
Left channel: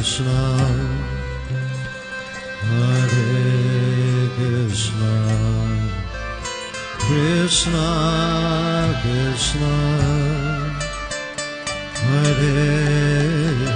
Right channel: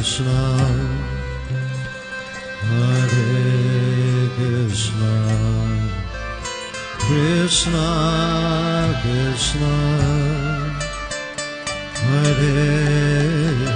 Krishna, Hare Krishna, Krishna Krishna, Hare